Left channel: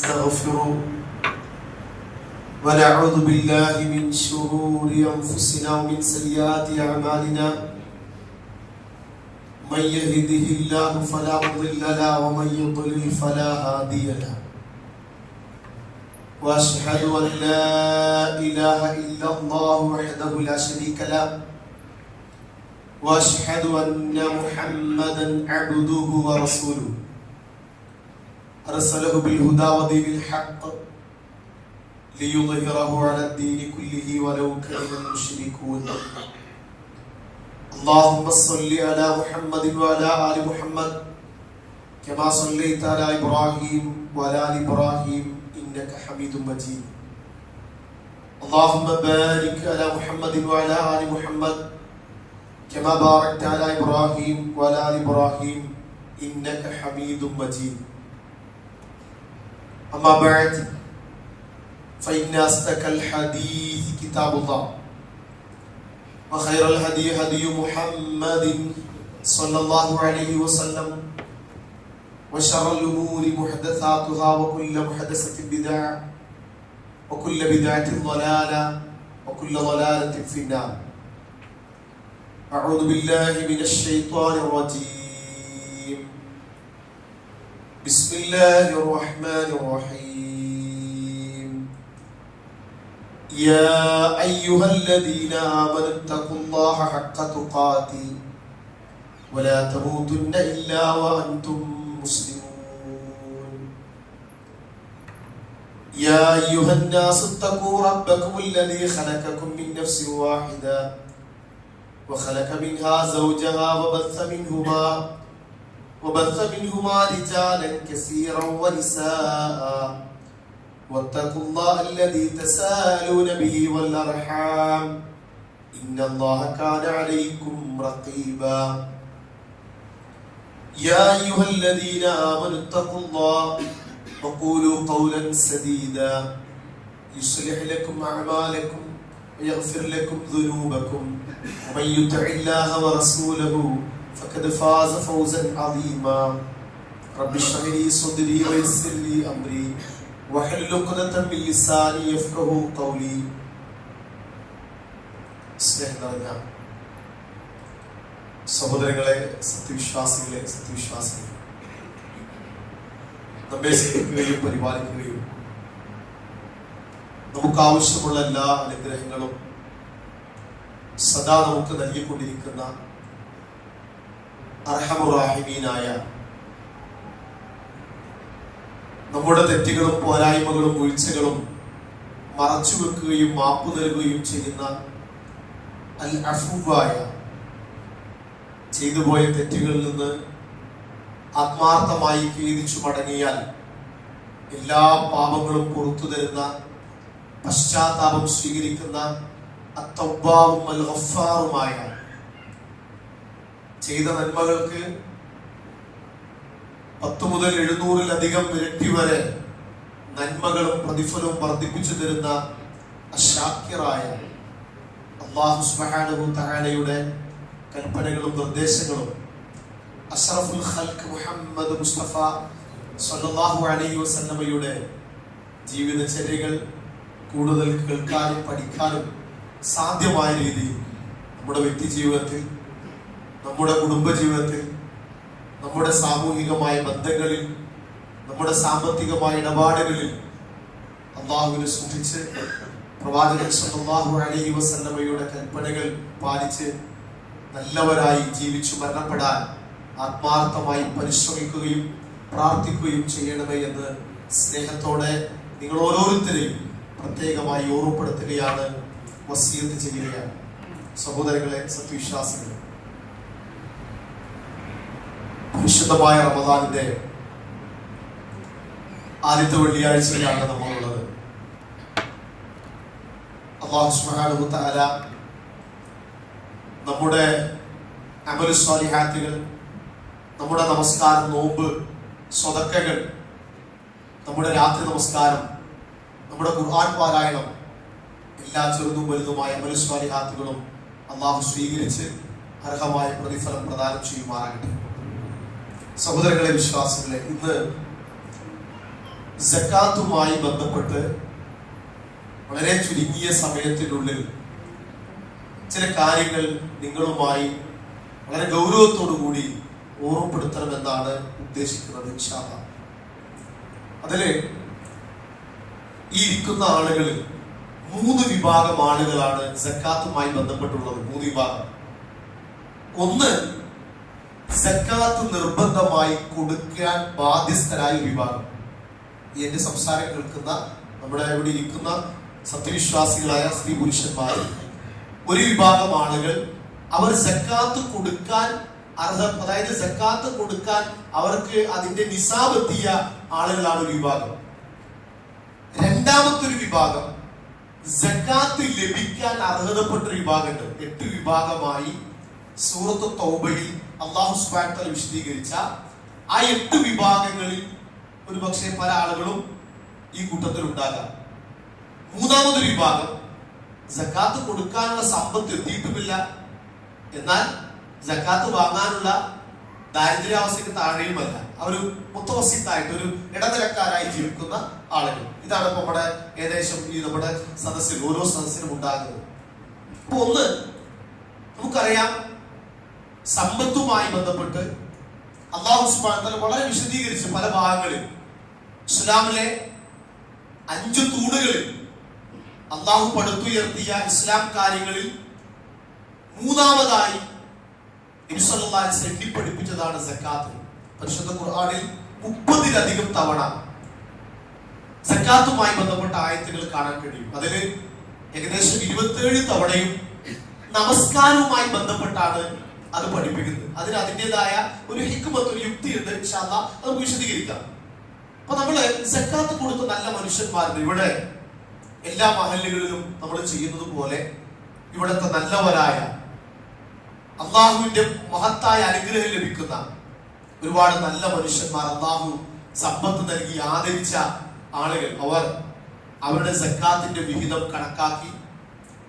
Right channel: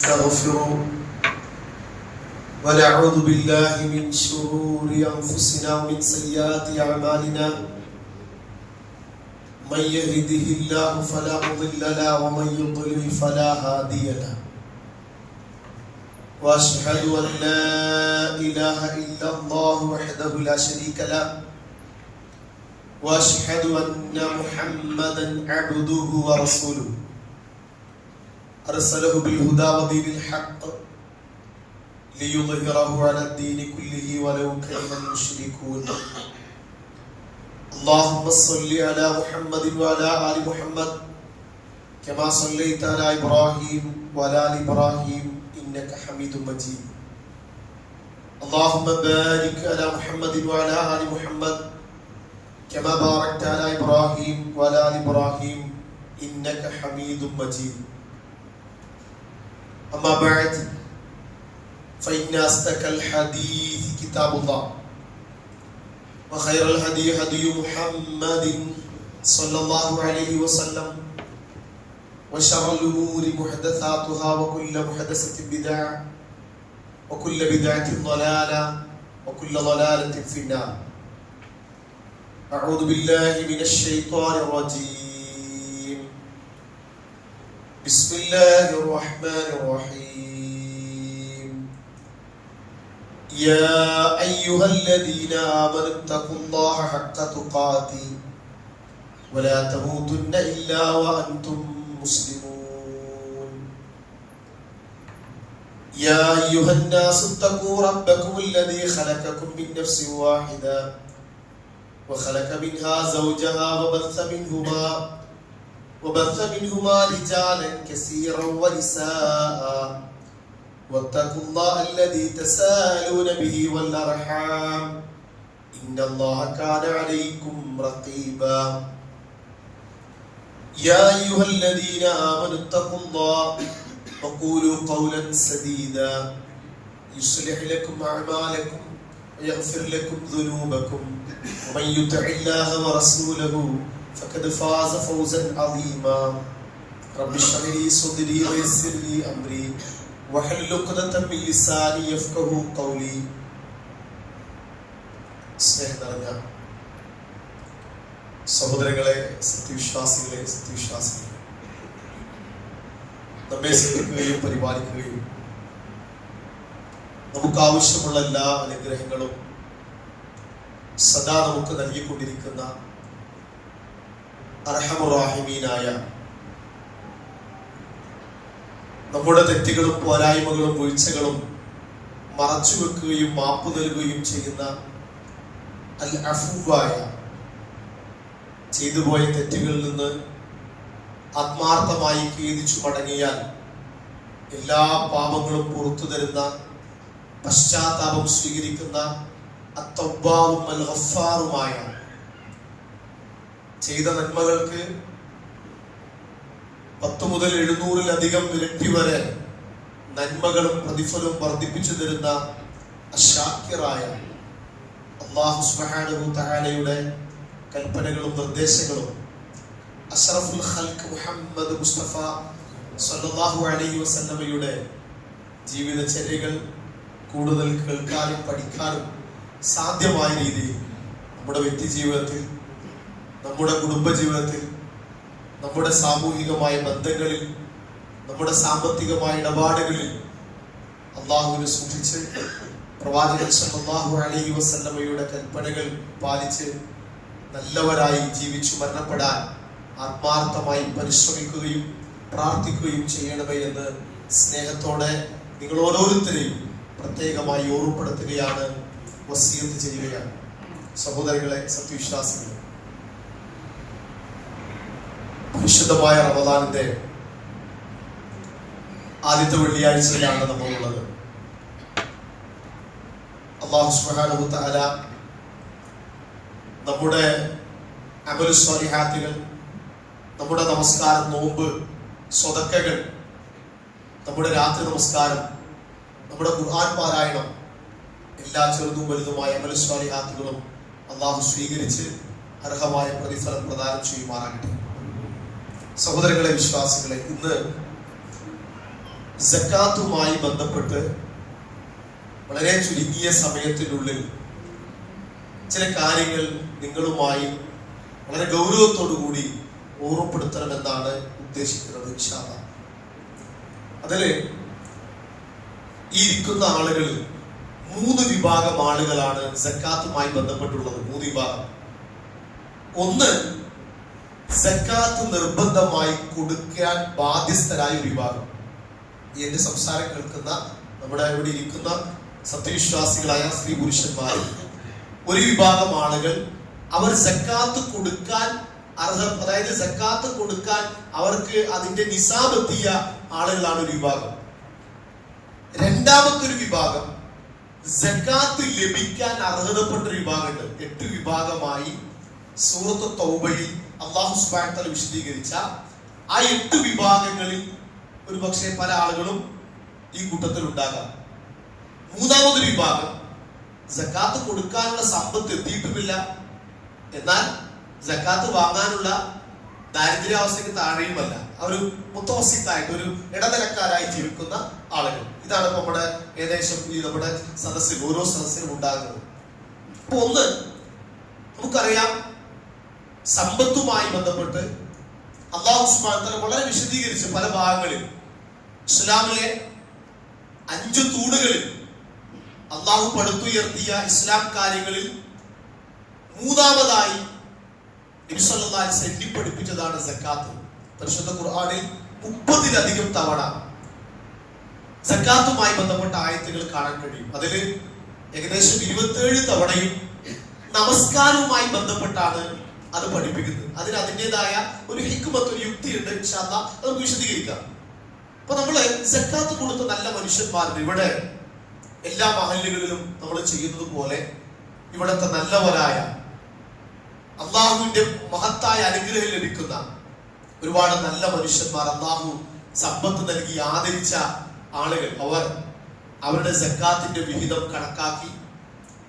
نستغفره ونعوذ بالله من شرور أنفسنا ومن سيئات أعمالنا من يهده الله فلا مضل له ومن يضلل فلا هادي له وأشهد أن لا إله إلا الله وحده لا شريك له وأشهد أن محمدا عبده ورسوله أرسله بالهدى ودين الحق ليظهره على الدين كله ولو كره المشركون اللهم صل على محمد وعلى آل محمد كما صليت على إبراهيم وعلى آل إبراهيم إنك حميد مجيد اللهم بارك على محمد وعلى آل محمد كما باركت على إبراهيم وعلى آل إبراهيم إنك حميد مجيد أما بعد فإن أصدق الحديث كتاب الله وخير الهدي هدي محمد صلى الله عليه وسلم وشر الأمور محدثاتها وكل محدثة بدعة وكل بدعة ضلالة وكل ضلالة في النار أعوذ بالله من الشيطان الرجيم بسم الله الرحمن الرحيم يا أيها الذين آمنوا اتقوا الله حق تقاته ولا تموتن إلا وأنتم مسلمون يا أيها الناس اتقوا ربكم الذي خلقكم من نفس واحدة وخلق منها زوجها وبث منهما رجالا كثيرا ونساء واتقوا الله الذي تساءلون به والأرحام إن الله كان عليكم رقيبا يا أيها الذين آمنوا اتقوا الله وقولوا قولا سديدا يصلح لكم أعمالكم ويغفر لكم ذنوبكم ومن يطع الله ورسوله فقد فاز فوزا عظيما رب اشرح لي صدري ويسر لي أمري واحلل عقدة من لساني يفقهوا قولي സ്നേഹനിറഞ്ഞ സഹോദരങ്ങളെ, സത്യവിശ്വാസികളെ, നമ്മെ സ്നേഹിക്കുകയും പരിപാലിക്കുകയും നമുക്ക് ആവശ്യമുള്ള എല്ലാ അനുഗ്രഹങ്ങളും സദാ നമുക്ക് നൽകിക്കൊണ്ടിരിക്കുന്ന അർഹമുറാഹിമീനായ, നമ്മുടെ തെറ്റുകളും പോരായ്മകളും വീഴ്ചകളും മറച്ചുവെക്കുകയും മാപ്പു നൽകുകയും ചെയ്യുന്ന അൽ അഫുവായ, ചെയ്തുപോയ തെറ്റുകളിൽ നിന്ന് ആത്മാർത്ഥമായി ഖേദിച്ചു മടങ്ങിയാൽ എല്ലാ പാപങ്ങളും പുറത്തു തരുന്ന, പശ്ചാത്താപം സ്വീകരിക്കുന്ന അത്തവ്വാബും അൽ ഗഫാറുമായ, ചെയ്ത നന്മകൾക്ക് 10 മുതൽ 700-ലധികം ഇരട്ടി വരെ നന്മകളും പ്രതിഫലവും വർദ്ധിപ്പിച്ചു തരുന്ന അശാക്കിറായ അല്ലാഹു സുബ്ഹാനഹു തആലയുടെ കൽപ്പനകളും നിർദ്ദേശങ്ങളും അഷ്റഫുൽ ഖൽഖ് മുഹമ്മദ് മുസ്തഫ സ്വല്ലല്ലാഹു അലൈഹി വസല്ലമയുടെ ജീവിതചര്യകൾ കൂടുതൽ കേൾക്കാനും പഠിക്കാനും സാധ്യമായ രീതിയിൽ നമ്മുടെ വ്യക്തി ജീവിതത്തിൽ, നമ്മുടെ കുടുംബ ജീവിതത്തിൽ, നമ്മുടെ സാമൂഹികമായ ബന്ധങ്ങളിൽ, നമ്മുടെ സാമ്പത്തികമായ ഇടപാടുകളിൽ അള്ളാഹുവിനെ സൂക്ഷിച്ച് പ്രവാചകൻ സല്ലല്ലാഹു അലൈഹി വസല്ലമയുടെ കൽപ്പനകൾ പാലിച്ച് നല്ലവരായി ജീവിച്ചു മരണപ്പെടാൻ ആത്മാർത്ഥമായി പരിശ്രമിക്കുകയും പ്രാർത്ഥിക്കുകയും ചെയ്യണമേ എന്ന് സ്നേഹത്തോടെ നിങ്ങൾ ഓരോരുത്തരെയും പ്രത്യേകമായി ഓർമ്മപ്പെടുത്തുകയാണ്, വസിയത്ത് ചെയ്യുകയാണ്. സഹോദരങ്ങളെ, സത്യവിശ്വാസികളെ, പരിശുദ്ധമായ റമദാനിന്റെ ആദ്യത്തെ വെള്ളിയാഴ്ചയിലാണ് നമ്മളുള്ളത്. അല്ലാഹു സുബ്ഹാനഹു തആല നമ്മുടെ അമലു സ്വാലിഹാത്തുകൾ, നമ്മുടെ നമസ്കാരം, നോമ്പ്, സ്വതക്കകൾ, നമ്മുടെ രാത്രി നമസ്കാരം, നമ്മുടെ ഖുർആൻ പാരായണം, എല്ലാ ചെറുതും വലുതുമായ അമലു സ്വാലിഹാത്തുകളും അല്ലാഹു സ്വീകരിച്ച് അർഹമായ പ്രതിഫലം പ്രദാനം ചെയ്യുമാറാകട്ടെ. സഹോദരങ്ങളെ, വിശ്വാസികളെ, ഇന്ന് സക്കാത്തുമായി ബന്ധപ്പെട്ട് വളരെ ചുരുങ്ങിയ സമയത്തിനുള്ളിൽ ചില കാര്യങ്ങൾ നിങ്ങളുമായി വളരെ ഗൗരവത്തോടു കൂടി ഓർമ്മപ്പെടുത്തണമെന്നാണ് ഉദ്ദേശിക്കുന്നത്. ഇൻഷാ അല്ലാഹ്. അതില് ഈ ഇരിക്കുന്ന ആളുകളിൽ 3 വിഭാഗം ആളുകളാണ് സക്കാത്തുമായി ബന്ധപ്പെട്ടുള്ളത്. 3 വിഭാഗം. ഒന്ന്, സക്കാത്ത് നിർബന്ധമായി കൊടുക്കാൻ ബാധ്യസ്ഥരായ ഒരു വിഭാഗം. എന്റെ സംസാരം കേൾക്കുന്ന നമ്മുടെ ഇവിടെ ഇരിക്കുന്ന സത്യവിശ്വാസികളായ സ്ത്രീ പുരുഷന്മാർ, ഒരു വിഭാഗം ആളുകൾ അവർ സക്കാത്ത് കൊടുക്കാൻ അതായത് സക്കാത്ത് കൊടുക്കാൻ അവർക്ക് അതിന്റെ നിസാബ് എത്തിയ ആളുകളാണ് ഒരു വിഭാഗം. രണ്ടാമത്തെ ഒരു വിഭാഗം സക്കാത്ത് ലഭിക്കാൻ അർഹതപ്പെട്ട ഒരു വിഭാഗമുണ്ട്. 8 വിഭാഗമായി സൂറത്ത് തൗബയിൽ അല്ലാഹു സുബ്ഹാനഹു വ തആല വിശദീകരിച്ച ആ 8 വിഭാഗങ്ങളിൽ ഒരു പക്ഷേ പല ആളുകളും ഈ കൂട്ടത്തിൽ ഉണ്ടാകാം. മൂന്നാമതൊരു വിഭാഗം സക്കാത്ത് കൊടുക്കാനുള്ള സമ്പത്ത് എത്തിയിട്ടുമില്ല, എന്നാൽ സക്കാത്ത് വാങ്ങാനുള്ള ദാരിദ്ര്യാവസ്ഥയ്ക്ക് താഴെയുമല്ല. ഒരു മുത്തവസിത്തായിട്ട് ഒരു ഇടനിലക്കാരായി ജീവിക്കുന്ന ആളുകൾ. ഇതാണ് ഇപ്പൊ നമ്മുടെ ഏകദേശം ഈ നമ്മുടെ സദസ്സിൽ ഓരോ സദസ്സിലും ഉണ്ടാകുന്നത്. അപ്പൊ ഒന്ന്, നമുക്കറിയാം സമ്പത്തുമായി ബന്ധപ്പെട്ട് അല്ലാഹു സുബ്ഹാനഹു വ തആല വളരെ വിശദീകരിച്ച് പല ഭാഗങ്ങളിൽ ഇസ്ലാമിലെ 5 തൂണുകളിൽ അല്ലാഹു പടുത്തുയർത്തിയ ഇസ്ലാം കാര്യങ്ങളിൽ മൂന്നാമതായി നബി സല്ലല്ലാഹു അലൈഹി വസല്ലം പഠിപ്പിച്ചതാണ് സക്കാത്ത്. പരിശുദ്ധ ഖുർആനിൽ 30-ലധികം തവണ സക്കാത്തുമായി ബന്ധപ്പെട്ട ആയത്തുകൾ കാണാൻ കഴിയും. അതിൽ ഏകദേശം 27 തവണയും നമസ്കാരവുമായി ബന്ധപ്പെട്ടാണ് അത് പഠിപ്പിക്കുന്നത്. അതിന് അതിൻ്റെതായ ഒരു ഹിക്മത്ത്, ഒരു യുക്തിയുണ്ട്. ഇൻഷാ അല്ലാഹ് നമുക്ക് വിശദീകരിക്കാം. അപ്പൊ നമ്മള് സക്കാത്ത് കൊടുത്ത നല്ല മനുഷ്യന്മാരുണ്ട്. ഇവിടെ എല്ലാ മഹല്ലുകളിലും നമ്മൾ ചെയ്യുന്നത് പോലെ ഇവിടുത്തെ നല്ലവരായ അള്ളാഹുവിന്റെ മഹത്തായ അനുഗ്രഹം ലഭിക്കുന്ന ഒരുപാട് നല്ല മനുഷ്യന്മാർ, അള്ളാഹു സമ്പത്ത് നൽകി ആദരിച്ച ആളുകൾ, അവർ അവരുടെ സക്കാത്തിന്റെ വിഹിതം കണക്കാക്കി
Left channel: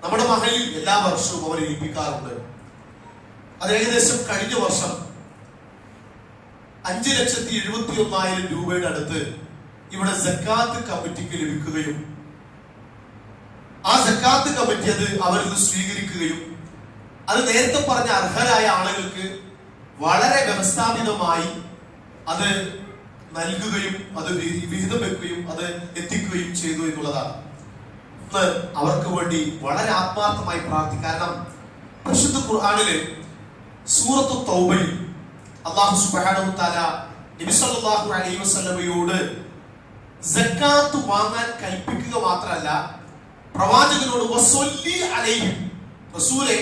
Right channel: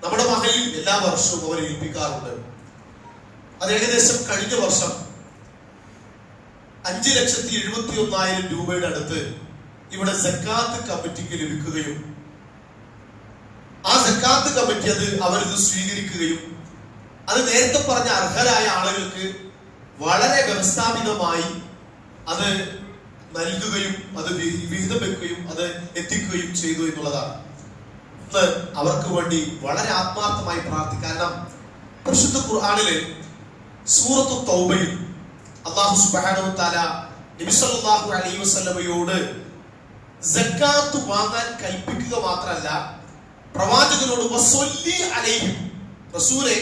നമ്മുടെ മഹലിൽ എല്ലാ വർഷവും അവർ ഏൽപ്പിക്കാറുണ്ട്. അത് ഏകദേശം കഴിഞ്ഞ വർഷം 5,71,000 രൂപയുടെ അടുത്ത് ഇവിടെ സക്കാത്ത് കമ്മിറ്റിക്ക് ലഭിക്കുകയും ആ സക്കാത്ത് കമ്മിറ്റി അത് അവരിൽ സ്വീകരിക്കുകയും അത് നേരത്തെ പറഞ്ഞ അർഹരായ ആളുകൾക്ക് വളരെ വ്യവസ്ഥാപിതമായി അത് നൽകുകയും അത് വിഹിതം വെക്കുകയും അത് എത്തിക്കുകയും ചെയ്തു എന്നുള്ളതാണ്. ഇന്ന് അവർക്ക് വേണ്ടി വളരെ ആത്മാർത്ഥമായി പ്രാർത്ഥിക്കും. കാരണം പരിശുദ്ധ ഖുർആനിലെ സൂറത്തു തൗബയിൽ അല്ലാഹു സുബ്ഹാനഹു വ തആല നബി സല്ലല്ലാഹു അലൈഹി വസല്ലമയോട് സക്കാത്ത് വാങ്ങാൻ കൽപ്പിക്കുക മാത്രമല്ല, പ്രവാചകനോട് വസല്ലി അലൈഹിം, റസൂലേ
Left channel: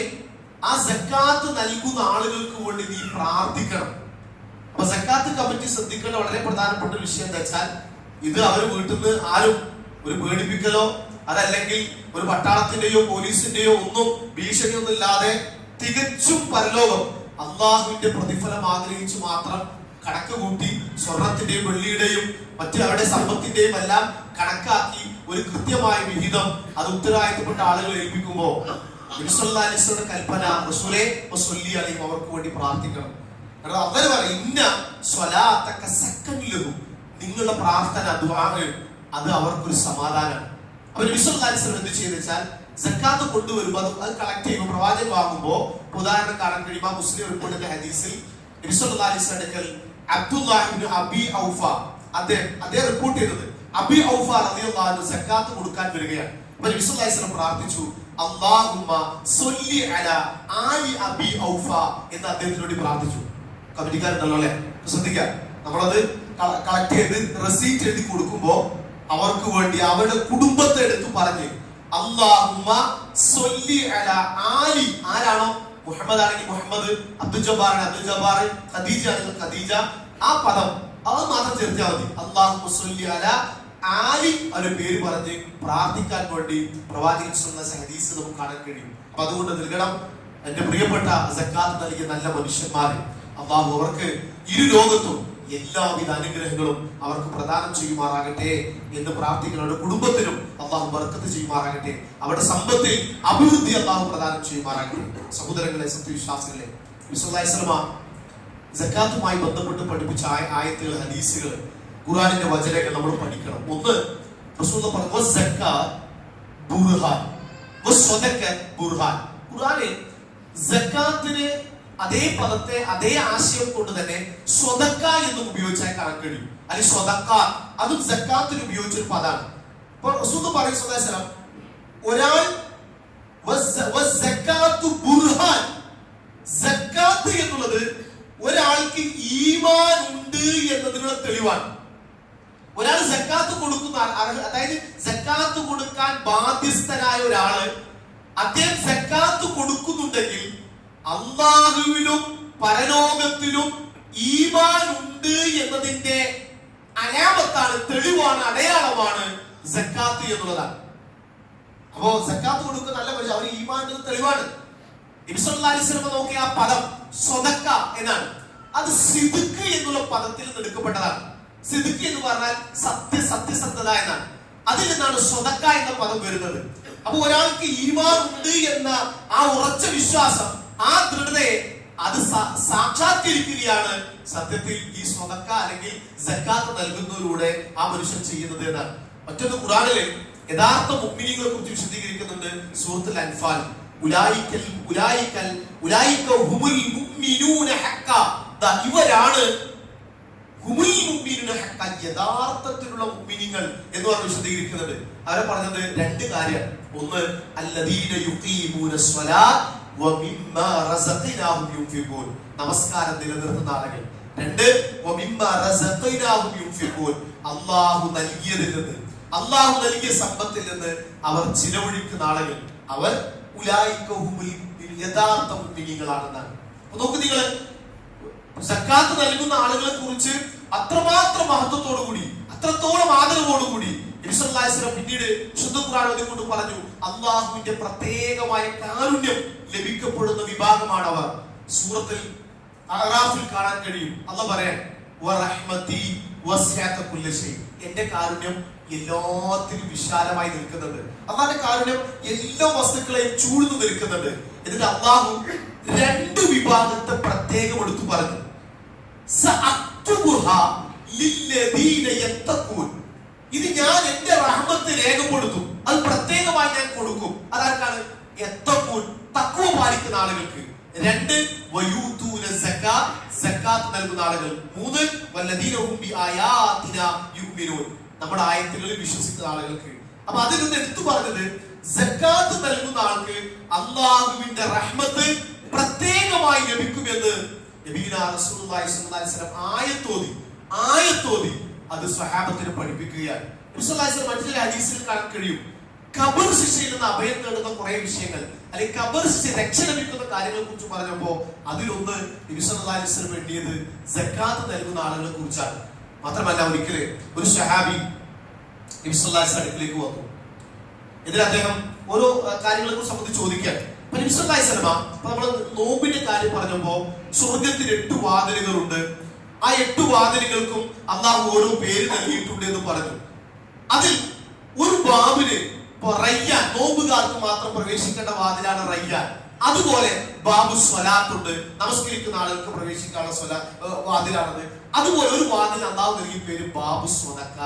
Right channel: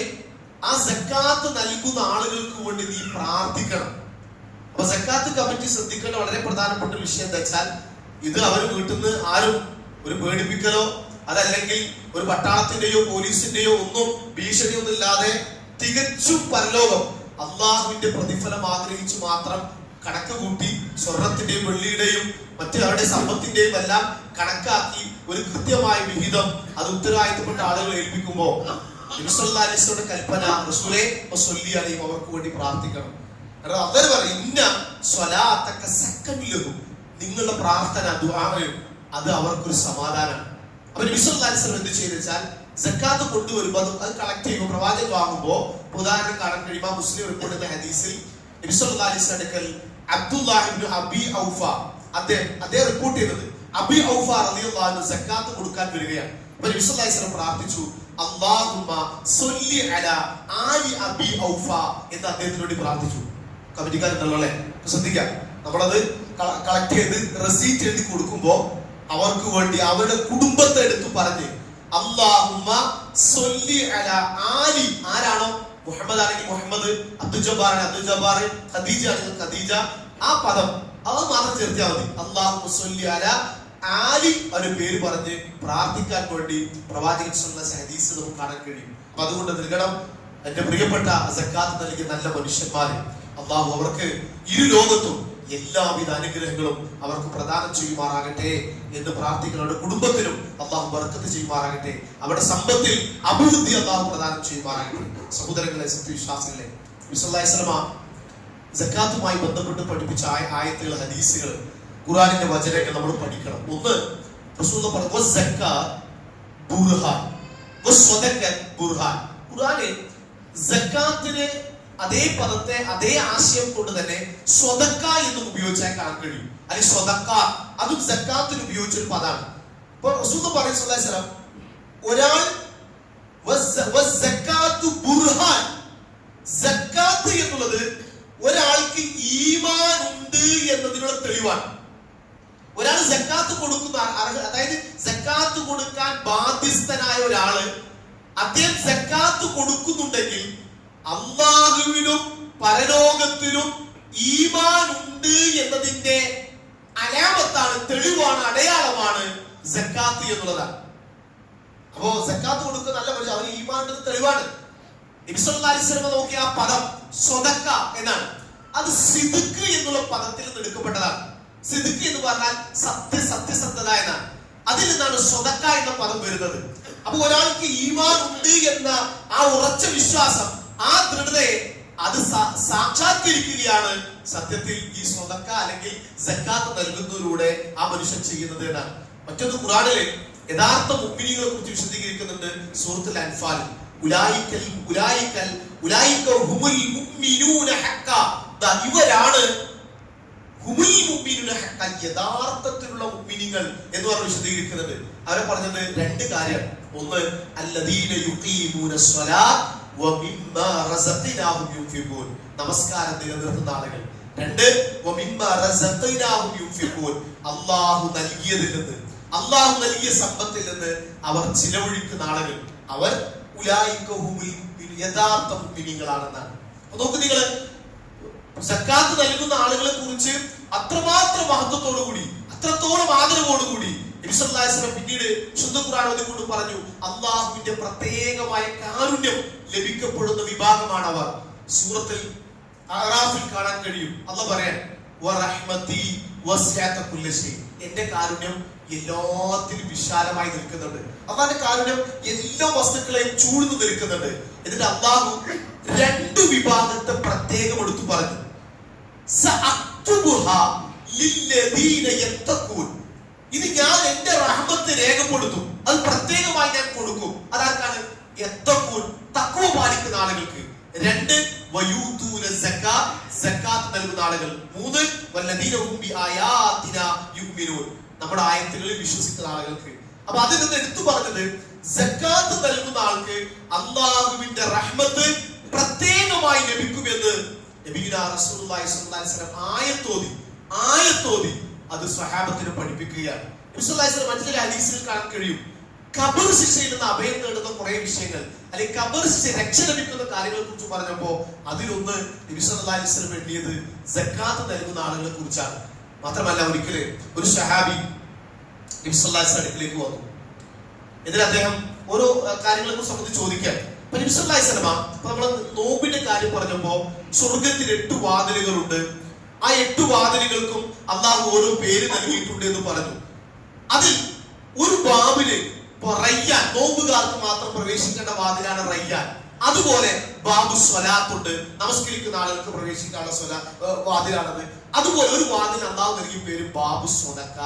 ആ സക്കാത്ത് നൽകുന്ന ആളുകൾക്ക് വേണ്ടി നീ പ്രാർത്ഥിക്കണം. അപ്പൊ സക്കാത്ത് കമ്മിറ്റി ശ്രദ്ധിക്കേണ്ട വളരെ പ്രധാനപ്പെട്ട വിഷയം എന്താ വെച്ചാൽ, ഇത് അവർ വീട്ടിൽ നിന്ന് ആരും ഒരു പേടിപ്പിക്കലോ അതല്ലെങ്കിൽ ഒരു പട്ടാളത്തിന്റെയോ പോലീസിന്റെയോ ഒന്നും ഭീഷണിയൊന്നും ഇല്ലാതെ തികച്ചും പരലോകം അള്ളാഹുവിന്റെ പ്രതിഫലം ആഗ്രഹിച്ചു മാത്രം കണക്ക് കൂട്ടി സ്വർണത്തിന്റെയും വെള്ളിയുടെയും മറ്റു അവരുടെ സമ്പത്തിന്റെയും എല്ലാം കണക്കാക്കി ഒരു കൃത്യമായ വിഹിതം അത് ഉത്തരവാദിത്തപ്പെട്ട ആളുകൾ ഏൽപ്പിക്കുമ്പോൾ നബി സല്ലല്ലാഹു അലൈഹി വസല്ലം കൽപ്പന, റസൂലേ വസല്ലി അലൈഹി, അവർക്ക് വേണ്ടി പ്രാർത്ഥിക്കണം. കാരണം അവർ പറയും ഇന്ന സ്വലാത്തക സക്കനിലഹു, നിങ്ങളുടെ പ്രാർത്ഥന ദുആഅ് അത് അവർക്കൊരു സമാധാനമാണ്. അപ്പൊ നബി സല്ലല്ലാഹു അലൈഹി വസല്ലം എന്ത് ചെയ്തെച്ചാൽ സക്കാത്ത് കൊണ്ടുവരുമ്പോൾ അത് കളക്ട് ചെയ്യുമ്പോൾ പ്രവാചകൻ വാങ്ങുമ്പോൾ ഉദാഹരണം കാണാൻ കഴിയുമ്പോൾ മുസ്ലിം റിപ്പോർട്ട് ചെയ്ത ഹദീസിൽ നബി സല്ലല്ലാഹു അലൈഹി വസല്ലം അബ്ദുല്ലാഹ് ഇബ്നു അബി ഔഫ അദ്ദേഹം റിപ്പോർട്ട് ചെയ്തത്, അബി ഔഫ റളിയല്ലാഹു അൻഹു സക്കാത്ത് കൊടുക്കാൻ വരികയാണ്. അപ്പൊ നബി സല്ലല്ലാഹു അലൈഹി വസല്ലം പ്രാർത്ഥിച്ചു, അല്ലാഹുമ്മ സ്വല്ലി അലാ ആലി അബി ഔഫ എന്ന് അദ്ദേഹത്തിനോട് പ്രാർത്ഥിച്ചു. കമ്മിറ്റിക്കാരുണ്ടല്ലോ അല്ലെ, ശ്രദ്ധിക്കാം. നമ്മളത് കളക്ട് ചെയ്ത് റെസീറ്റ് എഴുതി കൊടുക്കുമ്പോ അവർക്ക് വേണ്ടി അവരുടെ കുടുംബത്തെ എടുത്തു പറഞ്ഞ് അല്ലാഹുമ്മ സ്വല്ലി അലാ ആലി, ആരാണോ മുഹമ്മദ് ആണെങ്കിൽ മുഹമ്മദ്, അബ്ദുൽ ജബ്ബാർ അബ്ദുൽ ജബ്ബാർ, ഖദീജ ആണെങ്കിൽ ഖദീജ, ആ പദം അത് മാത്രം ചേർത്താൽ മതി. അല്ലാഹുമ്മ സ്വല്ലി അലാ ആലി അവരുടെ പേര് പറഞ്ഞ് പ്രാർത്ഥിക്കാൻ വേണ്ടി പ്രവാചകൻ സല്ലല്ലാഹു അലൈഹി ഹദീസ് നമുക്ക് കാണാൻ കഴിയും. അപ്പൊ അതുകൊണ്ട് നൽകണം എന്റെ പ്രിയപ്പെട്ട സക്കാത്ത് നൽകിയ നല്ല മനുഷ്യന്മാരെ അല്ലാഹു അവർക്ക് ഇരു ലോകത്തും എല്ലാവിധ അനുഗ്രഹങ്ങളും അവർക്ക് പ്രദാനം ചെയ്യുമാറാകട്ടെ എന്ന് പ്രാർത്ഥിക്കണം. അവരുടെ കുടുംബത്തിലും അല്ലാഹു ബർക്കത്ത് ചെയ്യുമാറാകട്ടെ, അവരുടെ സമ്പത്തിൽ അഭിവൃദ്ധി അല്ലാഹു പ്രദാനം ചെയ്യുമാറാകട്ടെ. സഹോദരങ്ങളെ, സത്യവിശ്വാസികളെ, നബി സല്ലല്ലാഹു അലൈഹി വസല്ലം സക്കാത്തുമായി ബന്ധപ്പെട്ട് പഠിപ്പിച്ച ആയത്തുകൾ, ഹദീസുകൾ ഖുർആനിന്റെ വചനങ്ങൾ നമ്മൾ പഠിക്കണം. ഒന്ന് റസൂൽ പറഞ്ഞു സക്കാത്ത് ബുർഹാൻ വസ്സദഖത്ത് ബുർഹാൻ. ഖുർആനിൽ സക്കാത്തിനെ അതേ പദത്തെ അതേ ആശയം കൊണ്ട് തന്നെ സ്വതക്ക എന്നും ഉപയോഗിച്ചാൽ കാണാൻ കഴിയും. അല്ലെങ്കിൽ സ്വതക്ക അതും സക്കാത്തിന് ഉപയോഗിച്ചൊരു പദമാണ്. അപ്പൊ റസൂൽ പറയുന്ന ഒരാൾ ബുർഹാൻ, സക്കാത്ത് എന്നുള്ളത് ഒരാൾക്ക് ഈമാൻ ഉണ്ട് എന്നതിനുള്ള തെളിവാണ്. ഒരാൾ സക്കാത്ത് കൊടുക്കുന്ന, അതായത് സക്കാത്ത് കൊടുക്കാൻ ബാധ്യസ്ഥനായ ഒരാള് അദ്ദേഹം സക്കാത്ത് കൊടുക്കുന്നുണ്ടെങ്കിൽ അല്ലാഹുവിലും പരലോകത്തിലും ഈമാൻ ഉണ്ട് എന്നതിന്റെ അലാമത്താണ്, തെളിവാണ്, അടയാളമാണ് സക്കാത്ത് എന്നുള്ളതാണ്. അപ്പോ സക്കാത്ത് കൊടുക്കുന്ന നല്ല പോലെ അവർ ഈമാന്റെ തെളിവാണ്. നബി സല്ലല്ലാഹു അലൈഹി വസല്ലം നോക്കിയ ആ പദം സ്വതക്ക എന്നാണ്. അത് സിദ്ഖ് എന്നുള്ള പദത്തിൽ നിന്ന് എടുക്കപ്പെട്ടതാണ്. സിദ്ഖ് എന്ന് പറഞ്ഞാൽ സത്യസന്ധത എന്നാണ്. അതിൽ നിന്നാണ് സ്വതക്ക എന്ന പദം വരുന്നത്. അപ്പൊ ഒരാൾക്ക് ഈമാൻ ഉണ്ട് എന്ന ആ ഉറച്ച വിശ്വാസം, ആ ദൃഢതയെ അത് സാക്ഷാത്കരിക്കുകയാണ് സത്യത്തിൽ ഈ സ്വതക്ക അല്ലെങ്കിൽ സക്കാത്ത് നൽകുന്നതിലൂടെ ആ മനുഷ്യൻ ചെയ്യുന്നത് എന്നാണ്. മറ്റൊന്ന് ഖുർആനിലെ യഥാർത്ഥ മുഅ്മിനീങ്ങളെ കുറിച്ച് വിശദീകരിക്കുന്നുണ്ട് സൂറത്തുൽ അൻഫാൽ. ഇവരാണ് യഥാർത്ഥത്തിലുള്ള മുഅ്മിനീങ്ങൾ എന്ന് പറഞ്ഞ് വിശദീകരിക്കുന്നുണ്ട്. അവരെ പറഞ്ഞത് രണ്ട് കാര്യം. ഒന്ന് അല്ലദീന യുഖീമൂന സ്വലാത്ത് വമിമ്മാ റസഖ്നാഹും യുൻഫിഖൂൻ, നമസ്കാരം നിലനിർത്തുന്ന ആളുകൾ. രണ്ട് വമിമ്മാ റസഖ്നാഹും യുൻഫിഖൂൻ, അല്ലാഹു നൽകിയതിൽ നിന്ന്, അല്ലാഹു നൽകിയ സമ്പത്തിൽ നിന്ന് അവർ ചിലവഴിക്കുന്ന ആളുകൾ. അവർ ഉലൈക ഹുമുൽ യഥാർത്ഥ മുഅ്മിനീങ്ങളാണെന്നാണ്. നോക്കൂ, നിങ്ങൾ സക്കാത്ത് നൽകുന്ന ആളുകളെ കുറിച്ച് അത്രമാത്രം മഹത്വത്തോടു കൂടി, അത്രത്തോളം ആദരവോടുകൂടി നബി സല്ലല്ലാഹു അലൈഹി വസല്ലം പിന്നീട് ശുദ്ധ ഖുർആൻ കൊണ്ട് പറഞ്ഞു, അല്ലാഹുവിന്റെ പ്രത്യേകമായ കാരുണ്യം ലഭിക്കപ്പെടുന്ന വിഭാഗമാണ് അവർ. സൂറത്തുൽ അഅറാഫിൽ കാണാൻ കഴിയും. അല്ലാഹു പറയാൻ വറഹ്മതി വസിഅത കുല്ലി ശൈ, എന്റെ കാരുണ്യം എല്ലാത്തിലും വിശാലമായി നിൽക്കുന്നുണ്ട്. അല്ലാഹുവിന്റെ കാരുണ്യം എല്ലാ വസ്തുക്കളെയും ചൂഴ്ന്നു നിൽക്കുന്നുണ്ട്. എന്നിട്ട് അല്ലാഹു രണ്ട് വിഭാഗത്തെ പ്രത്യേകം എടുത്തു പറഞ്ഞു. ഇത് ഞാൻ എന്റെ റഹ്മത്ത് രേഖപ്പെടുത്തും, അത് പ്രത്യേകമായി ഞാൻ കൊടുക്കും. അതാർക്കാണ്? യത്തഖൂൻ, തഖ്വ പാലിക്കുന്ന ആളുകൾക്ക്. രണ്ട് വയൂതൂന സക്കാത്ത്, സക്കാത്ത് നൽകുന്ന ആളുകൾ. മൂന്ന് വല്ലദീന ഹും ബിആയാതിനാ യുഅ്മിനൂൻ, നമ്മുടെ ആയത്തുകളിൽ വിശ്വസിക്കുന്ന ആളുകൾക്ക്. അപ്പൊ അതിൽ നിന്ന് എടുത്തു പറഞ്ഞത് സക്കാത്ത് നൽകുന്ന ആൾക്ക് അല്ലാഹുവിന്റെ റഹ്മത്ത് പ്രത്യേകമായി ലഭിക്കുമെന്ന് നബിയുനാ റസൂലുള്ളാഹി സ്വല്ലല്ലാഹു അലൈഹി വസല്ലം ആയത്തോതി അത് സ്വഹാബത്തിനെ പഠിപ്പിക്കുകയാണ്. നബി സ്വല്ലല്ലാഹു അലൈഹി വസല്ലം മറ്റൊരു ഹദീസിൽ കാണാൻ കഴിയും, ഖബർ ശിക്ഷയിൽ നിന്ന് അഭയം നേടുന്ന കുറെ വിഷയങ്ങൾ, അല്ലെങ്കിൽ ഖബർ ശിക്ഷ രക്ഷ ലഭിക്കുന്ന കാര്യങ്ങളെ കുറിച്ച് പറഞ്ഞപ്പോ അതിലൊന്ന് നബി സ്വല്ലല്ലാഹു അലൈഹി വസല്ലം വേണ്ടിയത് സക്കാത്ത് നൽകുന്ന ആളുകളെ കുറിച്ചാണ്. മാത്രമല്ല, ഒരിക്കല് ഒരു സ്വഹാബി നബി സ്വല്ലല്ലാഹു അലൈഹി വസല്ലം അടുക്കിലേക്ക് വന്നു. എന്നിട്ട് അദ്ദേഹം ഓരോ കാര്യങ്ങളെ കുറിച്ച് നമുക്ക് ചോദിക്കാൻ. നബി സല്ലല്ലാഹു അലൈഹി വസല്ലം നമ്മൾ നോമ്പിന്റെ കാര്യം പറഞ്ഞപ്പോ സ്വർഗത്തിൽ 8 വാതിലുകളുണ്ട്, ആ 8 വാതിലുകൾക്കും അല്ലാഹു ഓരോ പേര് നൽകിയിട്ടുണ്ട് എന്ന് പറഞ്ഞു. അതിൽ ഒരു ബാബില് റയ്യാൻ, നോമ്പുകാർക്ക് മാത്രം പ്രവേശിക്കേണ്ട വാതിലാണ് റയ്യാൻ. അതുപോലെ ബാബു സ്വലാത്തുണ്ട്, നമസ്കരിക്കുന്ന ആളുകൾക്ക് പ്രവേശിക്കാനുള്ള വാതിലാണത്. അതുപോലെ ഒരു വാതിൽ അല്ലാഹു നൽകിയ പേര് ബാബു സ്വതക്ക.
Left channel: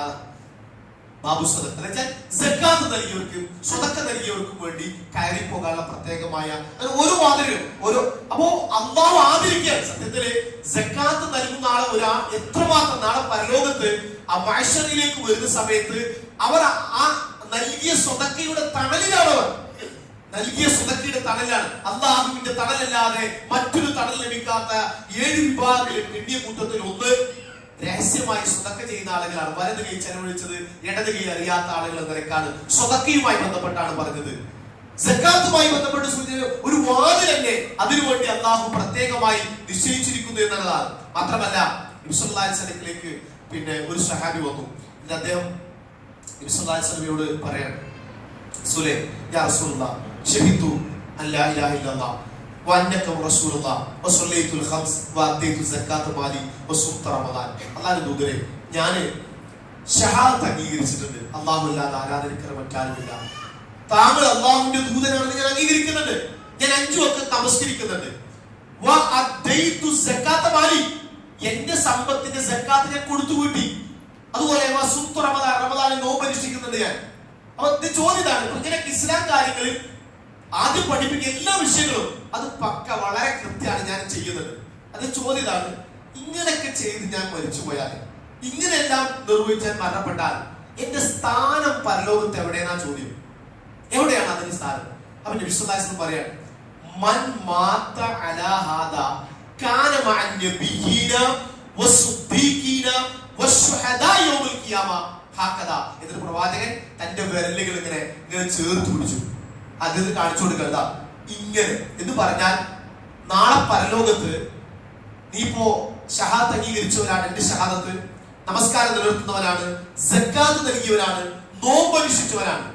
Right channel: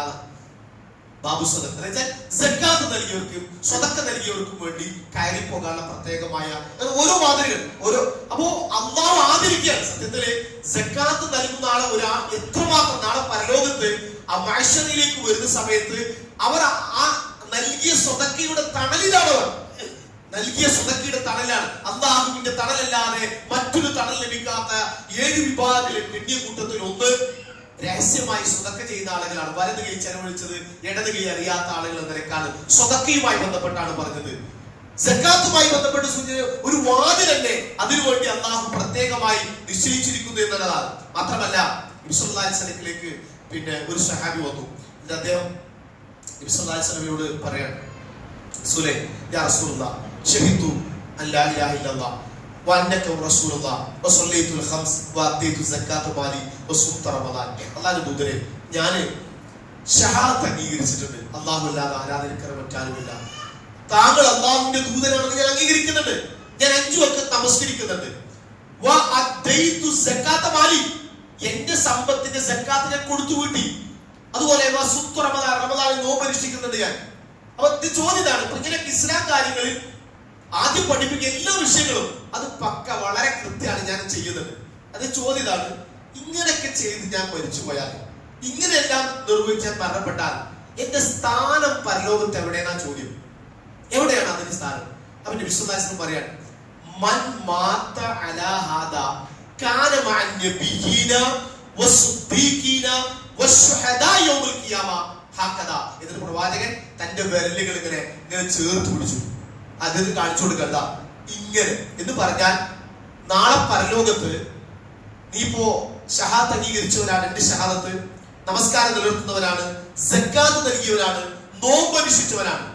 ബാബു സ്വതക്ക എന്ന് വെച്ചാൽ സക്കാത്ത് നൽകിയവർക്ക്, സ്വതക്ക നൽകിയവർക്കും വേണ്ടി കയറി പോകാനുള്ള പ്രത്യേകമായ ഓരോ വാതിലുകൾ ഓരോ. അപ്പോ അല്ലാഹു ആദരിക്കുകയാണ്. സത്യത്തില് സക്കാത്ത് നൽകുന്ന ആളെ ഒരാൾ എത്രമാത്രം നാളെ പരലോകത്ത് ആ മഹ്ശറിലേക്ക് വരുന്ന സമയത്ത് അവർ ആ നൽകിയ സ്വതക്കയുടെ തണലിലാണ്. അവർ നൽകിയ സ്വതക്കയുടെ തണലാണ്. അല്ലാഹുവിന്റെ തണലല്ലാതെ മറ്റൊരു തണൽ ലഭിക്കാത്ത 7 വിഭാഗങ്ങളിൽ പിന്നിയ കൂട്ടത്തിൽ ഒന്ന് രഹസ്യമായി സ്വതക്ക ചെയ്യുന്ന ആളുകളാണ്. വലത് കൈ ചെലവഴിച്ചത് ഇടത് കൈ അറിയാത്ത ആളുകൾ എന്ന നിലക്കാണ് സ്വതക്കയുമായി ബന്ധപ്പെട്ടാണ് പറഞ്ഞത്. സക്കാത്തുമായി ബന്ധപ്പെട്ട് ഒരു വാതിൽ തന്നെ അതിനുവേണ്ടി അല്ലാഹു പ്രത്യേകമായി നിശ്ചയിച്ചിരിക്കുന്നു എന്നുള്ളതാണ്. മാത്രമല്ല, നബി സല്ലല്ലാഹു അലൈഹി വസല്ലമിലേക്ക് പിന്നെ ഒരു സഹാബി വന്നു. അദ്ദേഹം നബി സല്ലല്ലാഹു അലൈഹി വസല്ലമയോട് പറയാണ്, റസൂലേ, യാ റസൂലുള്ളാഹ്, ഷഹീദു അല്ലാ ഇലാഹ ഇല്ലല്ലാഹ് വഅന്നക റസൂലുള്ളാഹ് വസല്ലൈതുൽ ഖംസ് വഅതൈതു സക്കാത്ത മാലി വസുംത റമദാൻ. അല്ലാഹുവിന്റെ ദൂതരെ, ഞാൻ ഷഹാദത്ത് അംഗീകരിച്ചിട്ടുണ്ട്, അല്ലാഹു അല്ലാതെ ആരാധനയ്ക്ക് മറ്റാരുമില്ല. താങ്കൾ അല്ലാഹുവിന്റെ ദൂതനാണെന്ന് ഞാൻ അംഗീകരിക്കുന്നുണ്ട്. ഞാൻ 5 വക്ത് നമസ്കരിക്കുന്നുണ്ട്. വഅതൈതു സക്കാത്ത മാലി, എന്റെ സമ്പത്തിന്റെ സക്കാത്ത് ഞാൻ കൊടുത്തു വീട്ടി. അതുപോലെ റമദാനിൽ നോമ്പ് അനുഷ്ഠിക്കുന്നുണ്ട് ഞാൻ. അപ്പൊ ഇത് ചോദ്യമാണ്. ഇങ്ങനെ ഇസ്ലാം കാര്യങ്ങളിൽ ആദ്യം പഠിപ്പിക്കുന്ന എല്ലാ വിഷയങ്ങളും അത് പക്ക വളരെ കൃത്യമാണ് ഞാൻ ചെയ്യുന്നത്. അത് ചോദ്യമാണ്, ഇങ്ങനെയൊക്കെ ചെയ്ത് ഞാൻ മരിച്ചുപോയാൽ, ഇങ്ങനെയെല്ലാം നിർവഹിച്ചാൽ മരണപ്പെട്ടാൽ എന്റെ സ്ഥാനം പരലോകത്ത് എവിടെയാണ്? ചോദ്യം എവിടെയാണ് അതിന്റെ സ്ഥാനം? അപ്പൊ നബി സല്ലല്ലാഹു അലൈഹി വസല്ലം പറയാണ്, മൻ മാത അലാ ഹാദാ കാന മഅൻ നബിയ്യീന വസ്സുദ്ദീഖീന വശുഹദാ യൗമുൽ ഖിയാമ ഹഖദാ. ഇതിന്റെ പ്രവാചകൻ തന്റെ വിരലുകൾ ഇങ്ങനെ ചേർത്ത് പിടിച്ചു, അത് കാണിച്ചു കൊടുക്കണ്ട ഇങ്ങനെ എന്ന് പറഞ്ഞാൽ നാളെ പരലോകത്ത് നീ ഇപ്പോ ഷഹാദത്ത് അംഗീകരിച്ചവരാണ്, 2 ഷഹാദത്ത്, നമസ്കാരം നിലനിർത്തുന്നവരാണ്, സക്കാത്ത് നൽകിയവരാണ്, നോമ്പ് അനുഷ്ഠിച്ചവരാണ്.